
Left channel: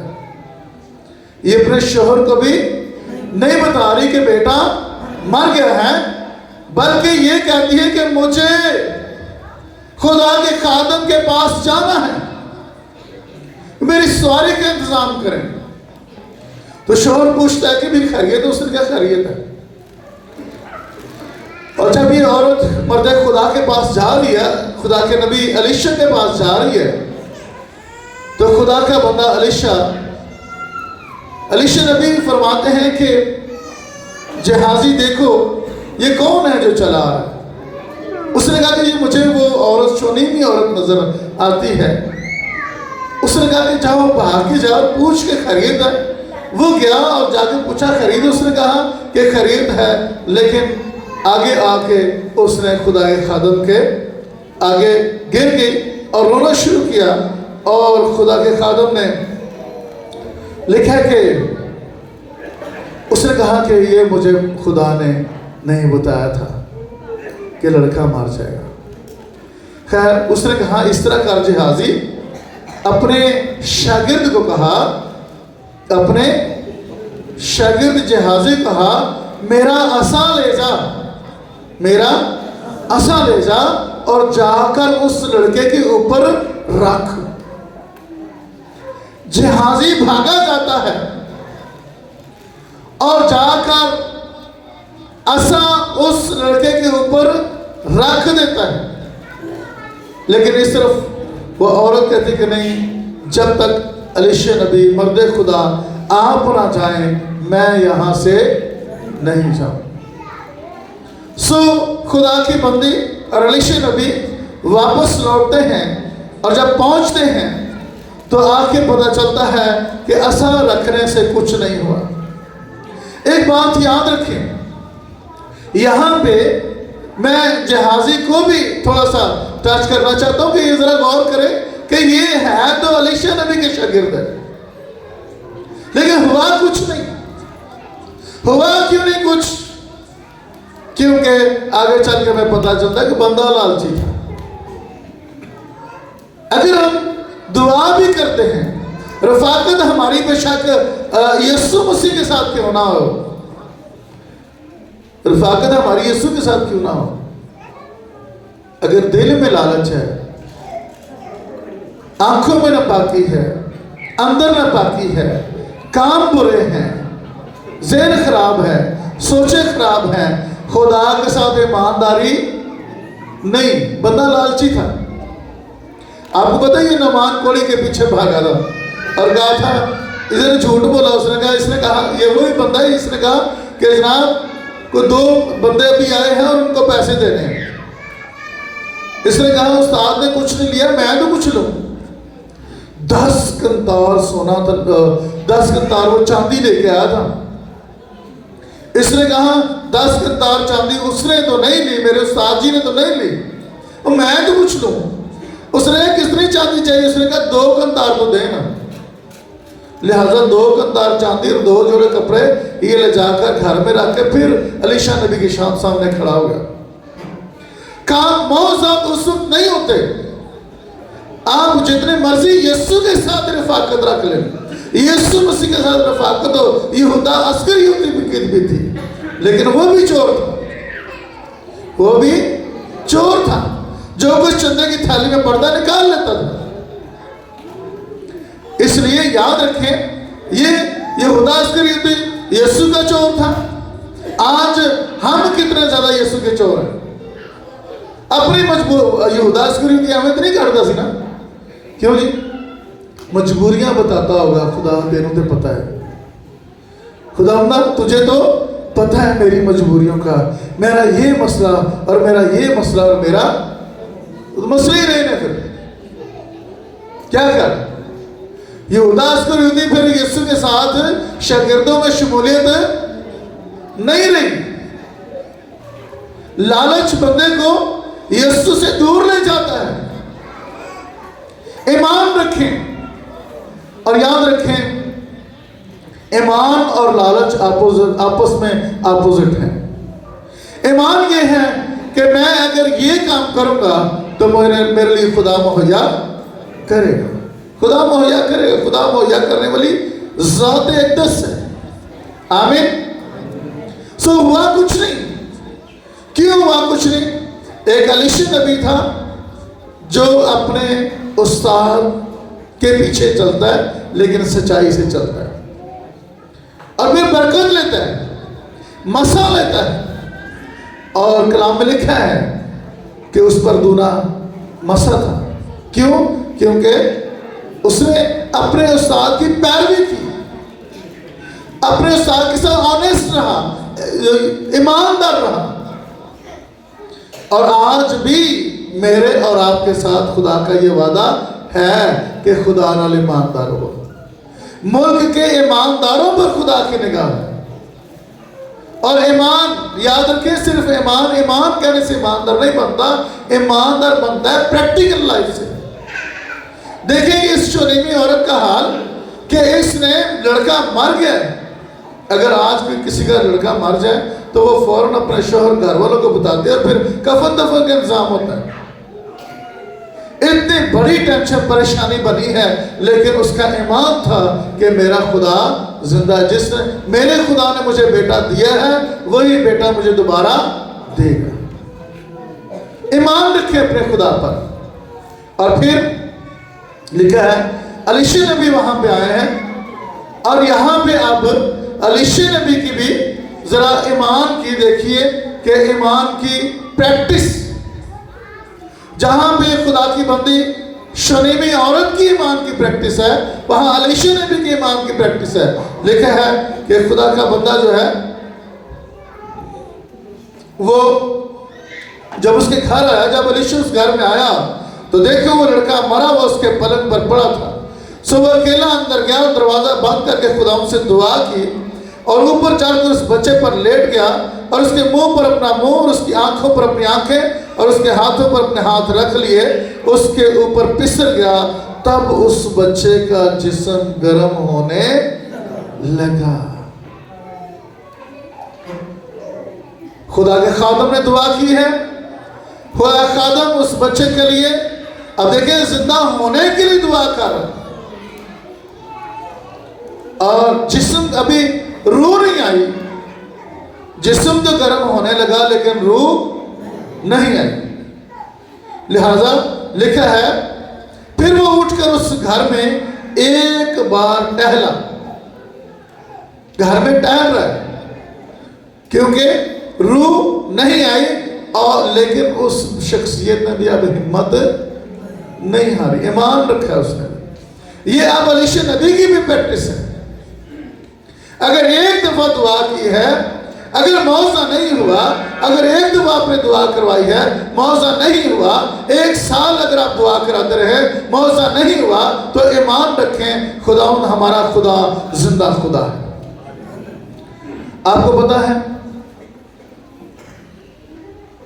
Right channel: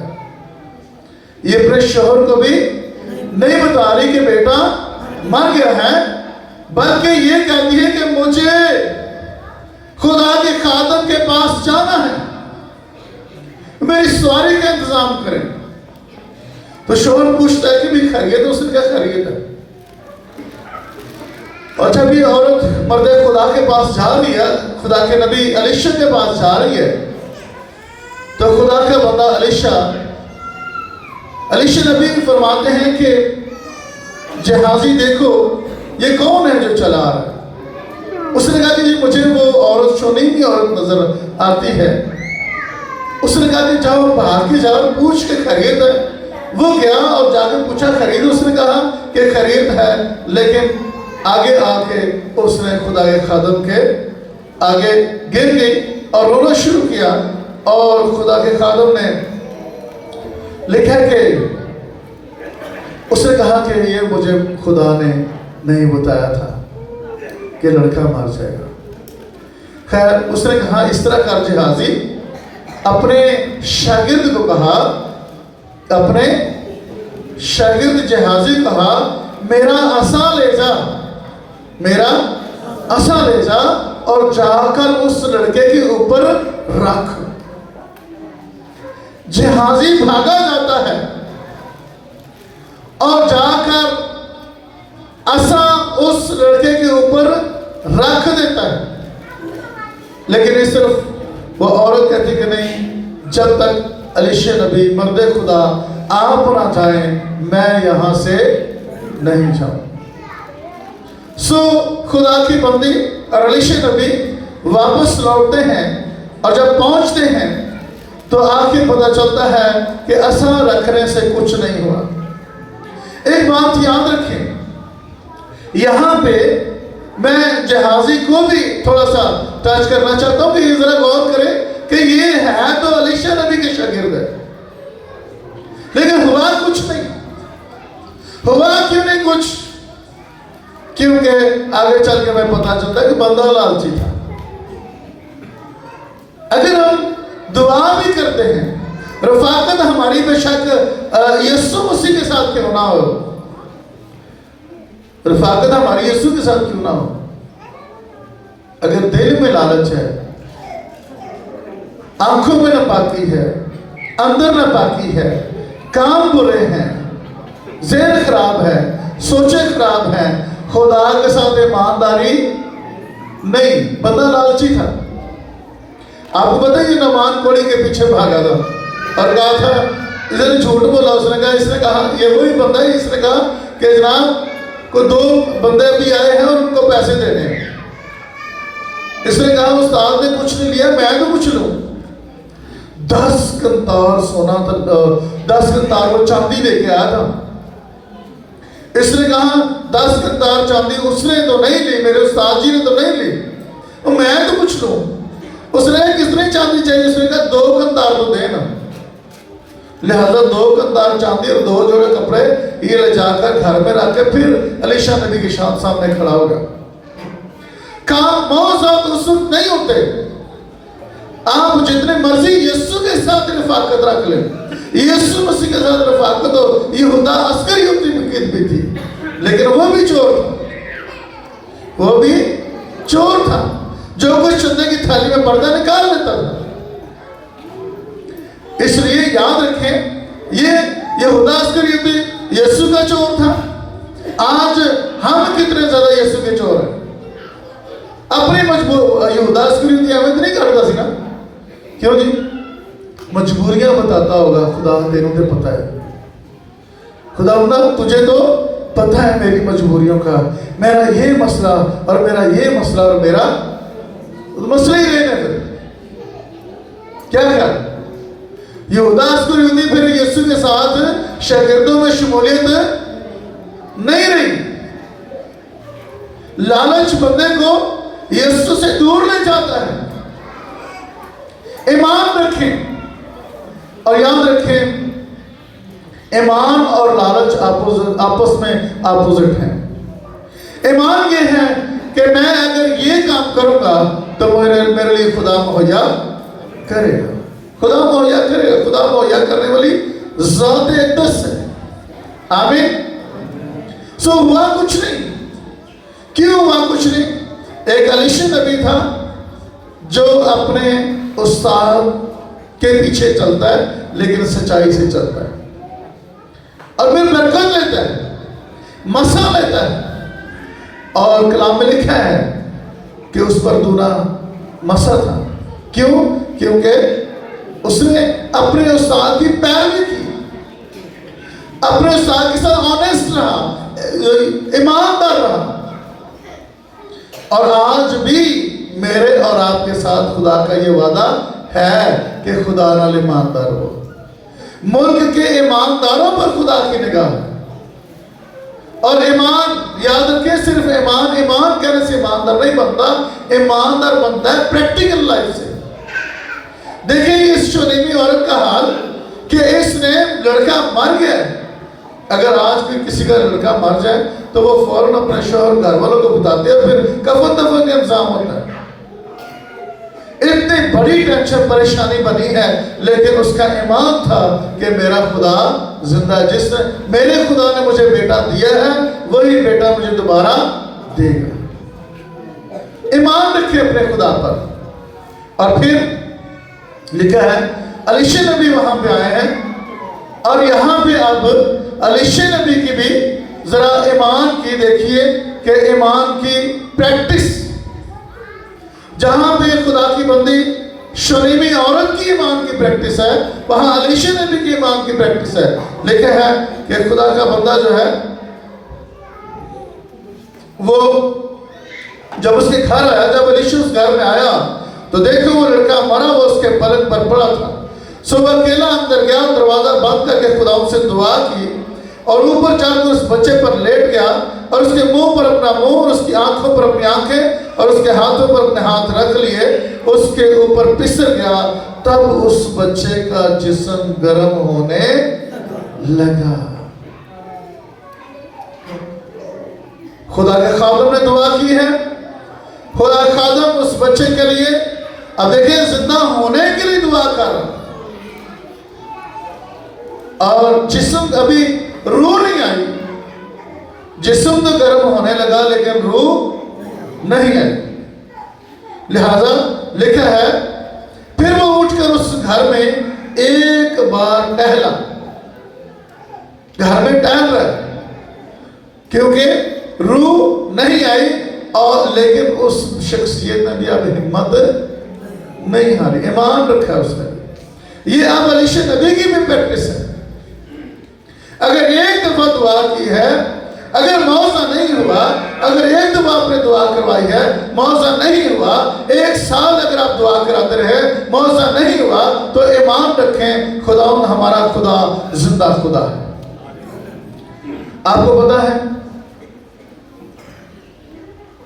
ये अपने शोहर को भी नहीं बता रही कि बेटा मर गया है, बल्कि ये कहती है कि मुझे खुदा के खादम के पास जाना है, मेरी सवारी का इंतजाम करें। तो शोहर पूछता है कि भी खैरियत है? उसने क्या खैरियत है? और जब ये औरत मर्द खुदा के पास जा रही है, खुदा के नबी एलीशा के पास जा रही है, तो खुदा का बंदा एलीशा नबी फरमाते हैं कि जहाजी देखो ये कौन है जो चला रहा है। उसने कहा कि जी मुझे वो औरत शोनीमी औरत नजर आती है। उसने कहा कि जाओ बाहर की जाओ पूछ के खरीद है। वो गया और जाके पूछा खरीद, उसने कहा कि खरीद है, लेकिन आगे आके उसने खुदा के खादम के आगे गिर गई और रोना शुरू किया। और खुदा के खादम ने लिखा कि उसने कहा कि ये मुझे खुदा ने नहीं बताया था कि लड़का मर जाएगा। खैर उसने कहा इस तरह कर जहाजी, अपने शागिर्द को कहा, अपने शागिर्द जहाजी कहा मेरा असा ले जा, मेरा असा ले जा और जाकर उस लड़के के ऊपर रख। जहाजी भागा जाता है और जाकर असा उस लड़के के ऊपर रख देता है। लेकिन इस तरफ वो औरत कहती कि नहीं, जब तक एलीशा नबी मर्द खुदा आप ना जाए मैं यहां से नहीं जाऊं। सो खुदा की बंदी और एलीशा नबी वापस लौटते हैं और जब पहुंचते हैं तो आके पता चलता है कि असा रखने से कुछ नहीं हुआ। एक बात याद रखें, यहां पे मैं जहाजी को भी थोड़ा सा टच करना चाहता हूं कि ये जरा गौर करें कि ये है तो एलीशा नबी के शागिर्द है, लेकिन हुआ कुछ नहीं। हुआ क्यों नहीं कुछ? क्योंकि आगे चल के मैं पता चलता है कि बंदा लालची था। अगर हम दुआ भी करते हैं, रफाकत हमारी बेशक यीशु मसीह के साथ क्यों ना हो, रफाकत हमारी यीशु के साथ क्यों ना हो, अगर दिल में लालच है, आंखों में नापाकी है, अंदर नापाकी है, काम बुरे हैं, ज़हन खराब है, सोचे खराब है, खुदा के साथ ईमानदारी नहीं, बंदा लालची था। आपको पता है ये नमान कोड़ी के पीछे भागा था और कहा था, इधर झूठ बोला। इसने कहा ये वही बंदा है, इसने कहा कि जनाब को 2 बंदे भी आए हैं और उनको पैसे देने हैं। इसने कहा उस्ताद ने कुछ नहीं लिया, मैं तो कुछ लूं। 10 कंतार सोना था, 10 कंतार वो चांदी लेके आया था। इसने कहा 10 कंधार चांदी उसने तो नहीं ली, मेरे उस्ताद जी ने तो नहीं ली, तो मैं तो पूछ लूं। उसने कितनी चांदी चाहिए? उसने कहा 2 कंधार तो देना। लिहाजा 2 कंधार चांदी और 2 जोड़े कपड़े ये ले जाकर घर में रख के फिर अलीशा नबी के सामने खड़ा हो गया। काम मौजूद उस वक्त नहीं होते। आप जितने मर्जी यीशु के साथ रफाकत रख ले, यीशु मसीह के साथ रफाकत हो। यहूदा अस्करियोती भी थी, लेकिन वो भी चोर था, वो भी चोर था, जो कुछ चंदे की थाली में पर्दा निकाल लेता था। इसलिए याद रखें, ये यहूदा अस्करियोती यीशु का चोर था। आज हम कितने ज्यादा यीशु के चोर हैं। अपनी मजबूर यहूदा अस्करियोती हमें तो नहीं करता सी ना, क्यों जी? मजबूरियां बताता होगा खुदा, तेनों तो पता है खुदा ना, तुझे तो पता है मेरी मजबूरियों का, मेरा ये मसला और मेरा ये मसला और मेरा मसले ही रहने। फिर क्या कर यहूदा अस्करियोती फिर यीशु के साथ शागिर्दों में शमूलियत नहीं रही। लालच बंदे को यीशु से दूर ले जाता है। ईमान रखें और याद रखें, ईमान और लालच आपस में अपोजिट है। ईमान ये है कि मैं अगर ये काम करूंगा तो मेरे लिए खुदा मुहैया करेगा, खुदा मुहैया करेगा। खुदा मुहैया करने वाली ज़ात अक़दस है। आमीन। सो हुआ कुछ नहीं। क्यों हुआ कुछ नहीं? एक अलीशा नबी था जो अपने उस्ताद के पीछे चलता है, लेकिन सच्चाई से चलता है और फिर बरकत लेता है, मसा लेता है। और कलाम में लिखा है कि उस पर दूना मसा था। क्यों? क्योंकि उसने अपने उस्ताद की पैरवी की, अपने उस्ताद के साथ ऑनेस्ट रहा, ईमानदार रहा। और आज भी मेरे और आपके साथ खुदा का ये वादा है कि खुदा नाल ईमानदार हो। मुल्क के ईमानदारों पर खुदा की निगाह है। और ईमान, याद रखें, सिर्फ ईमान कहने से ईमानदार नहीं बनता। ईमानदार बनता है प्रैक्टिकल लाइफ से। देखेंगे इस शूनेमी औरत का हाल कि इसने लड़का मर गया। अगर आज भी किसी का लड़का मर जाए तो वो फौरन अपने शोहर घर वालों को बताते हैं और फिर कफन दफन का इंतजाम होता है। इतनी बड़ी टेंशन परेशानी बनी है, लेकिन उसका ईमान था कि मेरा खुदा जिंदा है। जिसने मेरे खुदा ने मुझे बेटा दिया है वही बेटा मुझे दोबारा देगा। ईमान रखे अपने खुदा पर। और फिर लिखा है अलीशा नबी वहां पे आए हैं और यहां पे अब अलीशा नबी की भी जरा ईमान की देखिए कि ईमान की प्रैक्टिस, जहां पे खुदा की बंदी शूनेमी औरत की ईमान की प्रैक्टिस है, वहां अलीशा नबी की ईमान की प्रैक्टिस है। लिखा है कि खुदा का बंदा जो है वो जब उसके घर आया, जब अलीशा उस घर में आया तो देखो वो लड़का मरा हुआ उसके पलंग पर पड़ा था। सो वो अकेला अंदर गया, दरवाजा बंद करके खुदा से दुआ की और ऊपर चढ़कर उस बच्चे पर लेट गया और उसके मुंह पर अपना मुंह और उसकी आंखों पर अपनी आंखें और उसके हाथों पर अपने हाथ रख लिए, उसके ऊपर पिसर गया। तब उस बच्चे का जिस्म गर्म होने लगा। खुदा के खादम ने दुआ की है, खुदा खादम उस बच्चे के लिए, अब देखिए, जिंदा होने के लिए दुआ कर, और जिस्म अभी रूह नहीं आई। जिस्म तो गर्म होने लगा लेकिन रूह नहीं आई। लिहाजा लिखा है फिर वो उठकर उस घर में एक बार टहला। घर में टहल रहा है क्योंकि रूह नहीं आई, और लेकिन उस शख्सियत ने भी अब हिम्मत नहीं हारी, ईमान रखा उसने। ये अब अलीशा नबी की भी प्रैक्टिस है। अगर एक दफा दुआ की है, अगर मौजा नहीं हुआ, अगर एक दफा आपने दुआ करवाई है, मौजा नहीं हुआ, 1 साल अगर आप दुआ कराते रहे, मौजा नहीं हुआ, तो ईमान रखें, खुदा हमारा खुदा जिंदा खुदा है। आपको पता है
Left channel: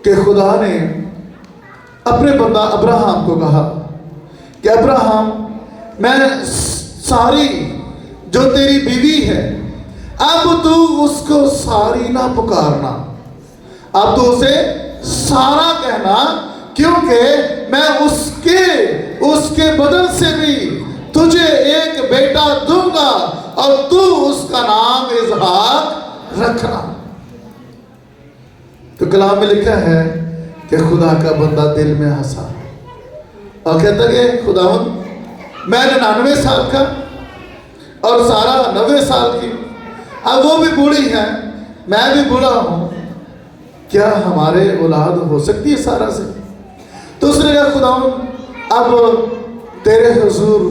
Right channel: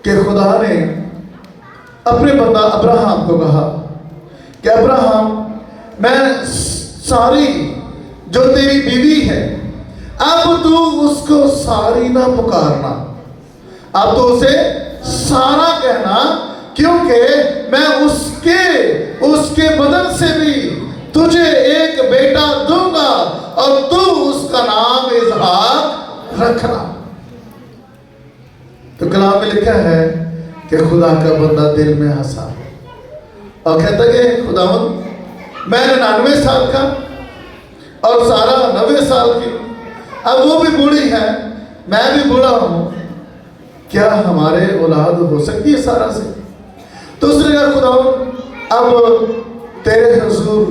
कि खुदा ने अपने बंदा अब्राहम को कहा कि अब्राहम, मैं सारी जो तेरी बीवी है, अब तू उसको सारी ना पुकारना, अब तो उसे सारा कहना, क्योंकि मैं उसके बदन से भी तुझे एक बेटा दूंगा और तू उसका नाम इसहाक रखना। तो कलाम में लिखा है कि खुदा का बंदा दिल में हंसा और कहता कि खुदावंद, मैं 99 साल का और सारा 90 साल की, अब वो भी बूढ़ी है, मैं भी बूढ़ा हूं, क्या हमारे औलाद हो सकती है सारा से? तो उसने कहा खुदावंद, अब तेरे हुजूर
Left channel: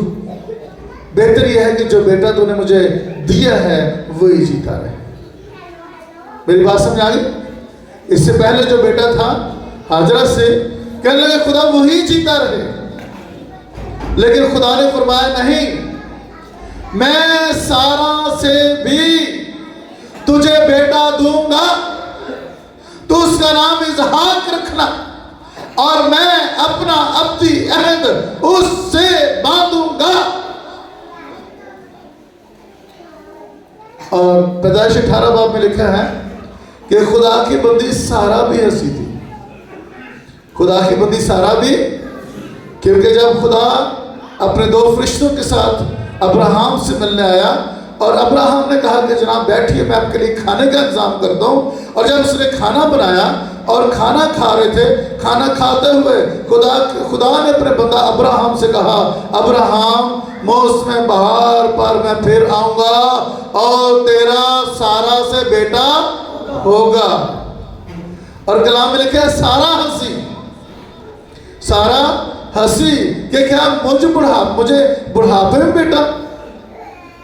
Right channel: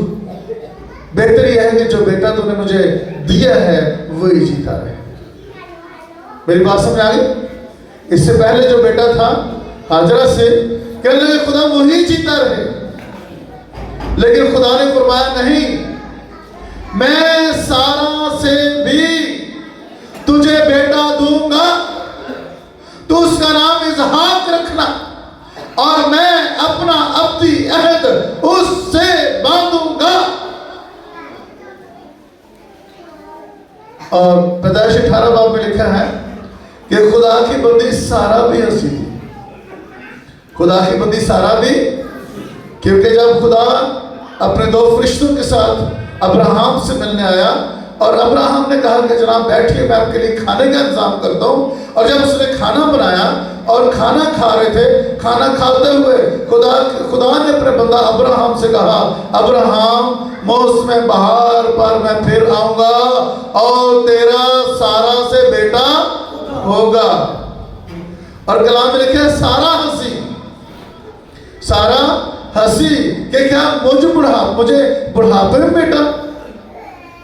बेहतर यह है कि जो बेटा तूने मुझे दिया है वही जीता रहे। मेरी बात समझ आ गई? इससे पहले जो बेटा था हाजरा से, कहने लगे खुदा वही जीता रहे, लेकिन खुदा ने फरमाया नहीं, मैं सारा से भी तुझे बेटा दूंगा, तो उसका नाम इसहाक रखना और मैं अपना अब्दी अहद उससे बांधूंगा। और पैदाइश 18 बाब में लिखा है कि खुदा की बंदी सारा भी हंसी थी, खुदा की बंदी सारा भी, क्योंकि जब खुदा अपने 2 फरिश्तों के साथ अब्राहम से मिलने आया और अब्राहम ने कहा कि जनाब बैठिए, मैं आपके लिए खाने का इंतजाम करता हूँ। और जब उसने खाना बनाया और खाना खा रहे थे, खाना खाते हुए खुदा ने अपने बंदा अब्राहम से कहा, अब्राहम, मौसम बहार पर मैं फिर आऊंगा और तेरा सारा से बेटा होगा। और कलाम में लिखा है सारा हंसी, सारा हंसी कि क्या मुझे बुढ़ापे में बेटा,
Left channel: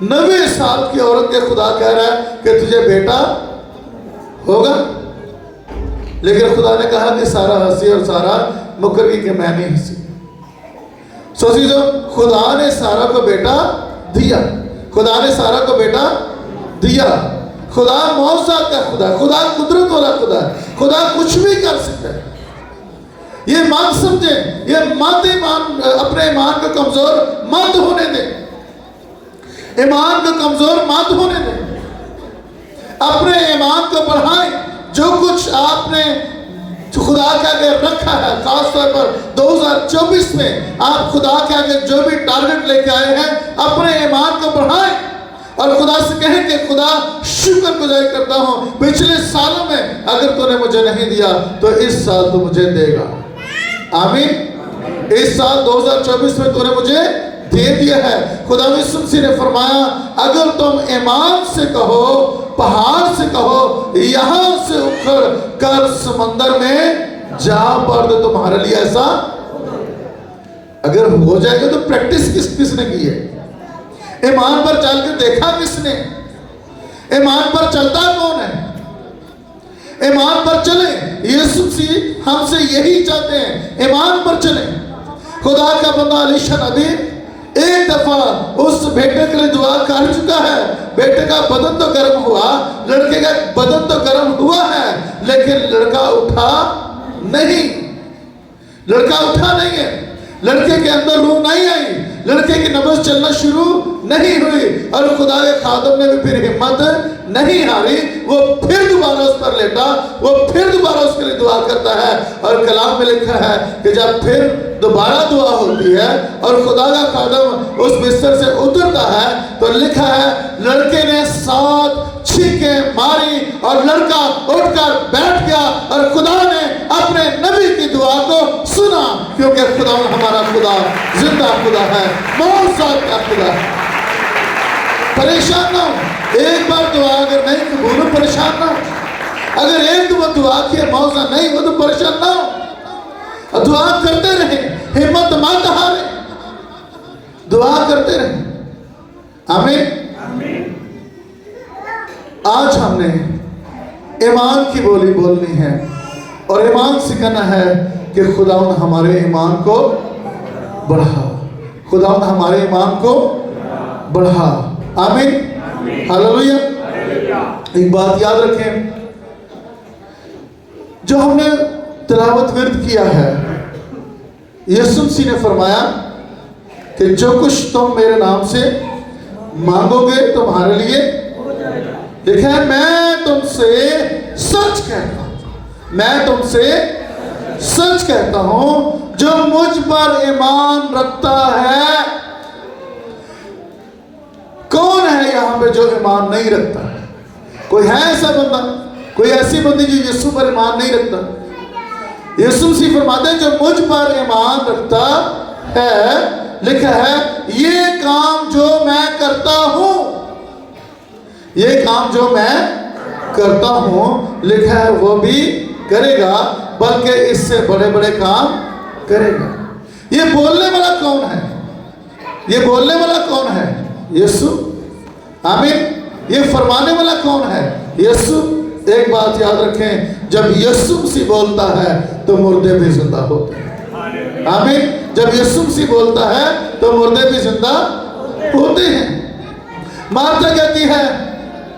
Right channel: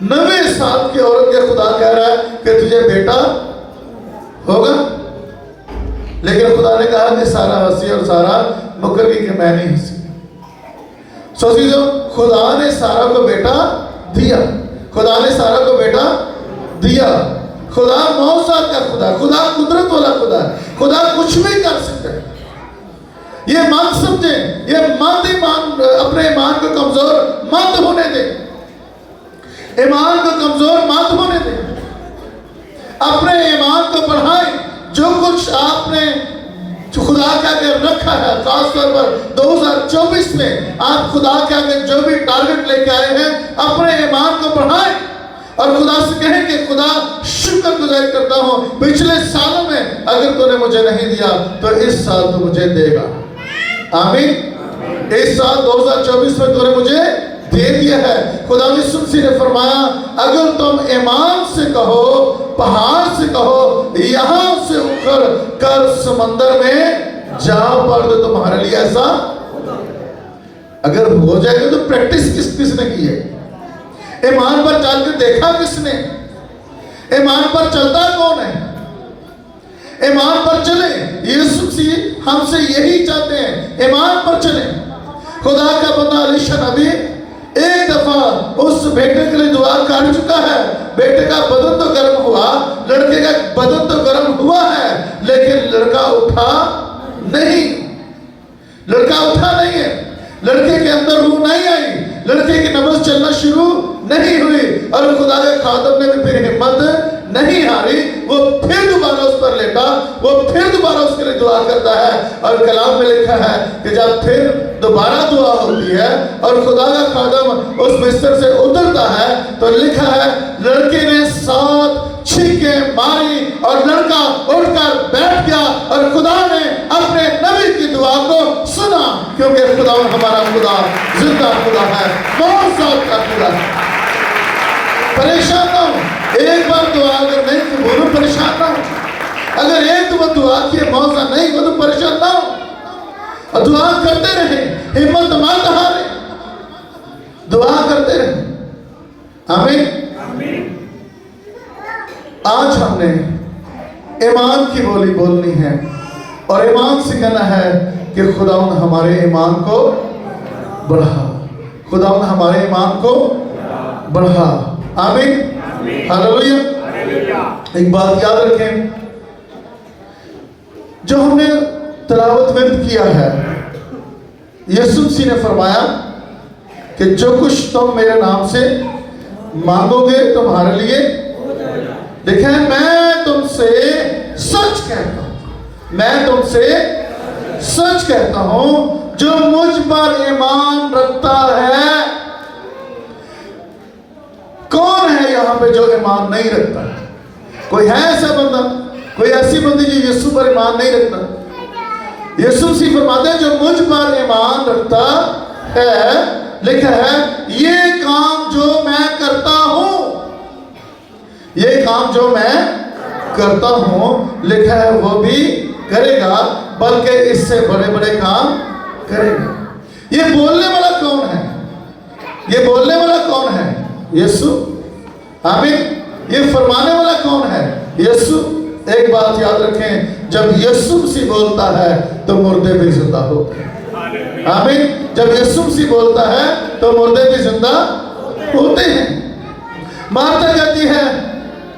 90 साल की औरत के खुदा कह रहा है कि तुझे बेटा होगा। लेकिन खुदा ने कहा कि सारा हंसी और सारा मुकर गई कि मैं नहीं हंसी। सोचिए, खुदा ने सारा को बेटा दिया, खुदा ने सारा को बेटा दिया। खुदा मौसाद का खुदा, खुदा कुदरत वाला खुदा, खुदा कुछ भी कर सकता है। ये मान समझे, ये अपने ईमान को कमजोर मत होने दे, ईमान को कमजोर मत होने दे, अपने ईमान को बढ़ाएं। जो कुछ आपने खुदा के आगे रखा है, खासतौर पर 2024 में आप खुदा के आगे जो भी टारगेट लेके आए हैं, अपने ईमान को बढ़ाएं और खुदा से कहें कि खुदा शुक्रगुजार करता हूं, पिछले सालों में अगर तूने मुझे नहीं दिया तो इस साल तू मुझे देगा। आमीन। इस साल 2024 में तूने मुझे दे दिया है। खुदा यीशु मसीह ने फरमाया, अगर तुम ईमान से कहो, पहाड़ से कहो, यहां से उठकर कर समंदर में जा पड़, तो तुम्हारे लिए ऐसा अगर हो जाएगा। तो प्रैक्टिस किसने की है? ईमान पर चल के देखा किसने? ईमान पर चलता कौन है? ईमान पर चले। यीशु मसीह हमसे यही चाहते हैं, ईमान पर चले। खुदा का बंदा अलीशा नबी एक दफा उस बेटे के लिए दुआ कर चुका है। बेटे का बदन तो गर्म हुआ, लड़के का बदन तो गर्म हुआ है, लेकिन लड़का उठा नहीं, लड़का उठा नहीं है, लड़के के अंदर रूह नहीं आई, लड़के की नब्ज चलना शुरू नहीं हुई। और खुदा के खादम ने भी फिर हिम्मत नहीं हारी, वो फिर दोबारा उस पर लेटा, वो फिर दोबारा उसके लिए दुआ करता है। और कलाम में लिखा है कि जब फिर दोबारा दुआ होती है और खुदा का खादम उस बिस्तर से उतरता है, तो लिखा है लड़के ने 7 छींकें मारी और लड़का उठकर बैठ गया और खुदा ने अपने नबी की दुआ को सुना, क्योंकि खुदा हमारा खुदा जिंदा खुदा है, मौजूद का खुदा है। परेशान ना हो, एक बार दुआ अगर नहीं कबूल हो परेशान ना हो। अगर एक दुआ की मौका नहीं हो तो परेशान ना हो, दुआ करते रहे, हिम्मत मत हारे, दुआ करते रहे। आमीन। आज हमने ईमान की बोली बोलनी है और ईमान से कहना है कि खुदावन हमारे ईमान को बढ़ा, खुदावन हमारे ईमान को बढ़ा। आमीन। हालेलुया। एक बात याद रखें, जो हमने तिलावत विर्द किया है। यीशु मसीह ने फरमाया कि जो कुछ तुम मेरे नाम से मांगोगे तुम्हारे लिए लिखा है, मैं तुमसे सच कहता हूं, मैं तुमसे सच कहता हूं, जो मुझ पर ईमान रखता है। कौन है यहां पे जो ईमान नहीं रखता? कोई है ऐसा बंदा, कोई ऐसी बंदी जो यीशु पर ईमान नहीं रखता? यीशु मसीह फरमाते हैं जो मुझ पर ईमान रखता है, लिखा है ये काम जो मैं करता हूं, ये काम जो मैं करता हूं, लिखा है वो भी करेगा, बल्कि इससे बड़े बड़े काम करेगा। ये बोलने वाला कौन है? ये बोलने वाला कौन है? यीशु। आमीन। ये फरमाने वाला कौन है? यीशु। एक बात याद रखें, जब यीशु मसीह बोलता है तो मुर्दे भी जिंदा होते हैं। आमीन। जब यीशु मसीह बोलता है तो मुर्दे भी जिंदा होते हैं। मार्था कहती है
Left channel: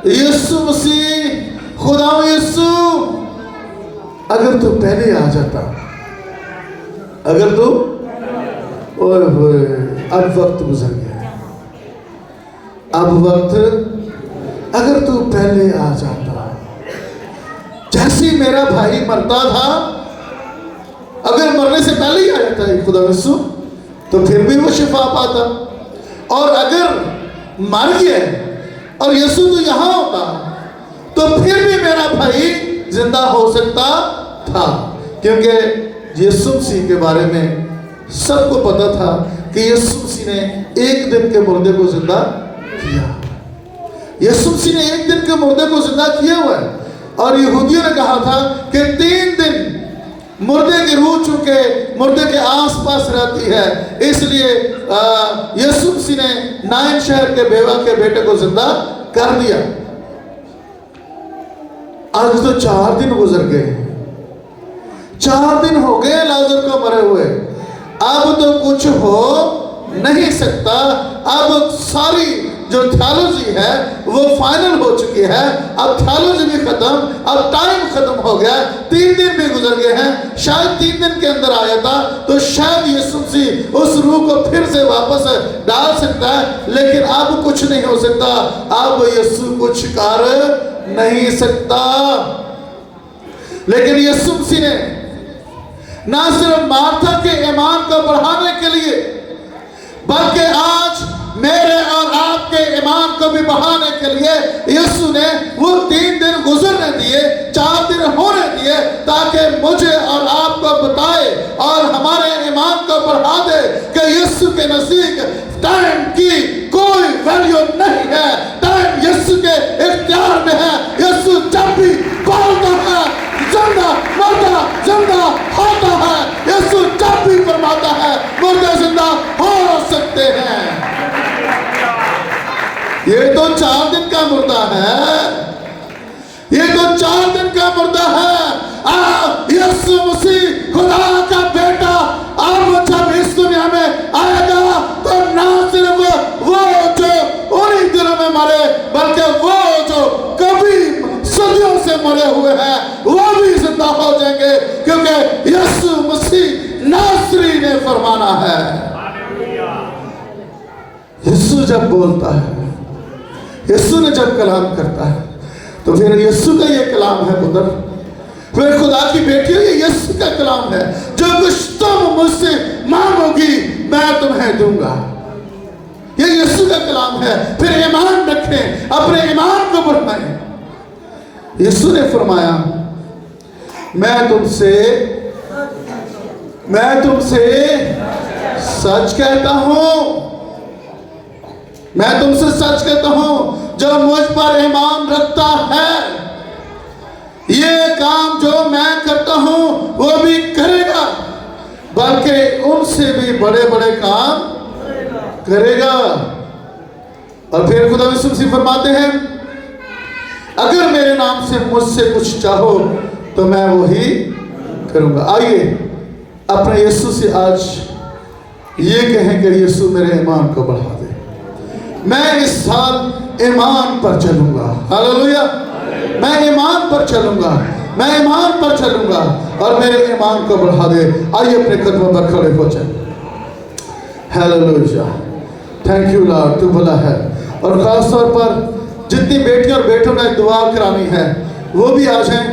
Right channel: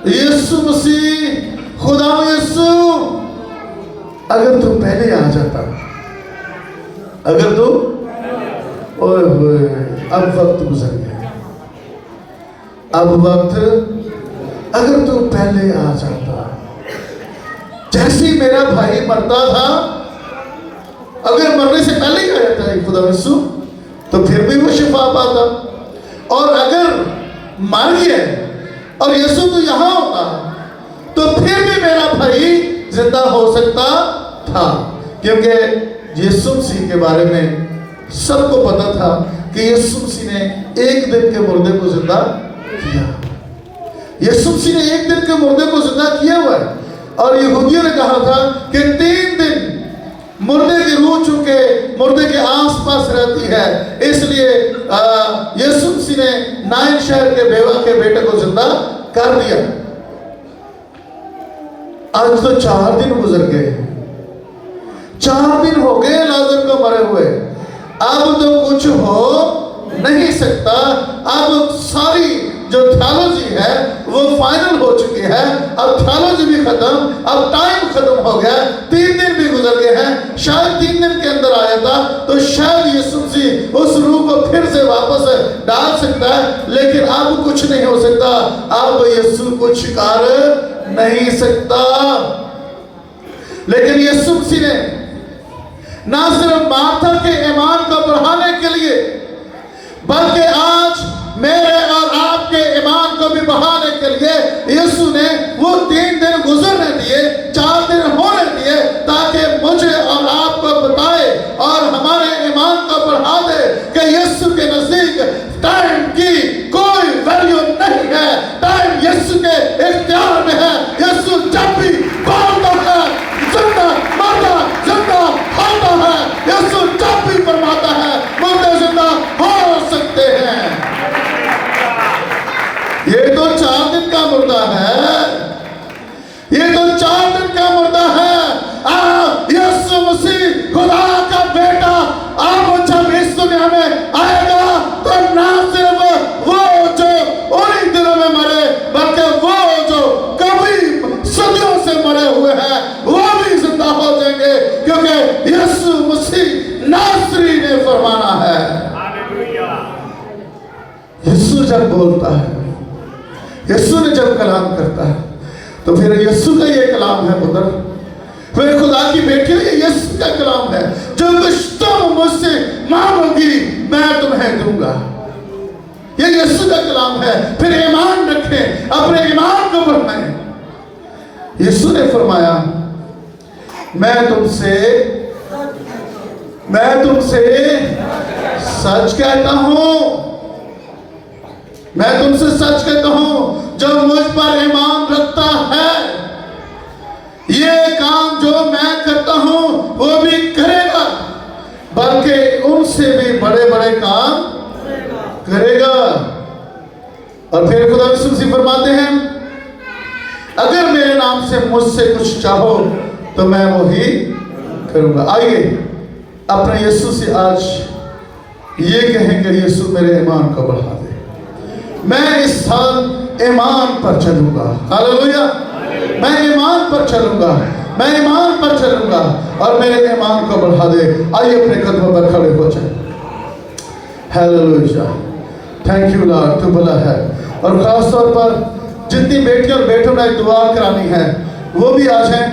यीशु मसीह, खुदा यीशु, अगर तू पहले आ जाता, अगर तू, ओए होए, अब वक्त गुजर गया, अब वक्त, अगर तू पहले आ जाता, जैसे मेरा भाई मरता था, अगर मरने से पहले ही आ जाता है खुदा यीशु, तो फिर भी वो शिफा पाता। और अगर मर गया और यीशु तो यहां होता तो फिर भी मेरा भाई जिंदा हो सकता था, क्योंकि यीशु मसीह के बारे में सबको पता था कि यीशु मसीह ने एक दिन के मुर्दे को जिंदा किया। यीशु मसीह ने एक दिन के मुर्दे को जिंदा किया हुआ है। और यहूदियों ने कहा था कि 3 दिन मुर्दे की रूह चूंकि मुर्दे के आसपास रहती है, इसलिए यीशु मसीह ने नाइन शहर के बेवा के बेटे को जिंदा कर दिया। आज तो 4 दिन गुजर गए, 4 दिन हो गए लाजर को मरे हुए। अब तो कुछ हो नहीं सकता। अब सारी जो थियोलॉजी है वो फाइनल हो चुकी है। अब थियोलॉजी भी खत्म, अब टाइम खत्म हो गया। 3 दिन भी गुजर गए हैं। शायद 3 दिन के अंदर आया था तो शायद यीशु मसीह उस रूह को फिर से वापस डाल सकता है, लेकिन अब कुछ नहीं हो सकता। अब यीशु कुछ कर नहीं सकता। लेकिन यीशु मसीह ने ना सिर्फ मार्था के ईमान को बढ़ाने के लिए, बल्कि आज मेरे और आपके ईमान को भी बढ़ाने के लिए यीशु ने वो 3 दिन गुजरने दिए, 4 दिन होने दिए, ताकि मुझे और आपको बताए और हमारे ईमान को बढ़ा दे कि यीशु के नजदीक टाइम की कोई वैल्यू नहीं है। टाइम यीशु के इख्तियार में है। यीशु जब भी बोलता है जिंदा मरदा जिंदा होता है। यीशु जब भी फरमाता है मुर्दे जिंदा हो सकते हैं। ये तो 4 दिन का मुर्दा है, ये तो 4 दिन का मुर्दा है। यीशु मसीह खुदा का बेटा अब जब इस दुनिया में आएगा तो ना सिर्फ वो जो उन्हीं दिनों में मरे, बल्कि वो जो कभी सदियों से मरे हुए हैं वो भी जिंदा हो जाएंगे, क्योंकि यीशु मसीह नासरी ने फरमाना है। यीशु जब बोलता है, यीशु ने जब कलाम करता है, तो फिर यीशु का ये कलाम है पुत्र, फिर खुदा की बेटी ये यीशु का कलाम है। जो कुछ तुम मुझसे मांगोगी मैं तुम्हें दूंगा। ये यीशु का कलाम है। फिर ईमान रखें, अपने ईमान को बढ़ाएं। यीशु ने फरमाया मैं तुमसे सच कहता हूं, मैं तुमसे सच कहता हूं, जो मुझ पर ईमान रखता है ये काम जो मैं करता हूं वो भी करेगा, बल्कि उनसे भी बड़े बड़े काम करेगा। और फिर खुदा यीशु मसीह फरमाते हैं अगर मेरे नाम से मुझसे कुछ चाहो तो मैं वही करूंगा। आइए अपने यीशु से आज ये कहें कि यीशु मेरे ईमान को बढ़ा दे। मैं इस साल ईमान पर चलूंगा। हालेलुया। मैं ईमान पर चलूंगा। मैं ईमान पर चलूंगा और मेरे ईमान को बढ़ा दे। आइए अपने कदमों पर खड़े हो जाए। हालेलुया, थैंक यू लॉर्ड, तू भला है। और खास तौर पर जितनी बेटियों और बेटों ने दुआ करानी है वो भी आ जाएं,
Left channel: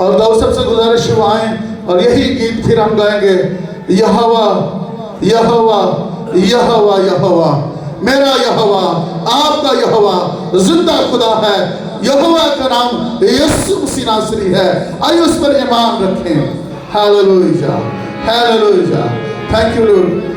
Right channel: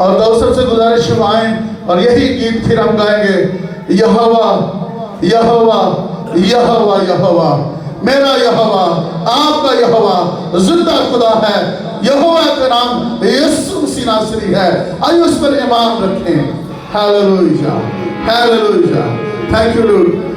और दोस्तों से गुजारिश हुआ आए और यही गीत फिर हम गाएंगे, यहोवा यहोवा यहोवा यहोवा, मेरा यहोवा, आपका यहोवा जिंदा खुदा है। यहोवा का नाम यीशु मसीह नासरी है। आइए उस पर ईमान रखें। Hallelujah, hallelujah, thank you Lord.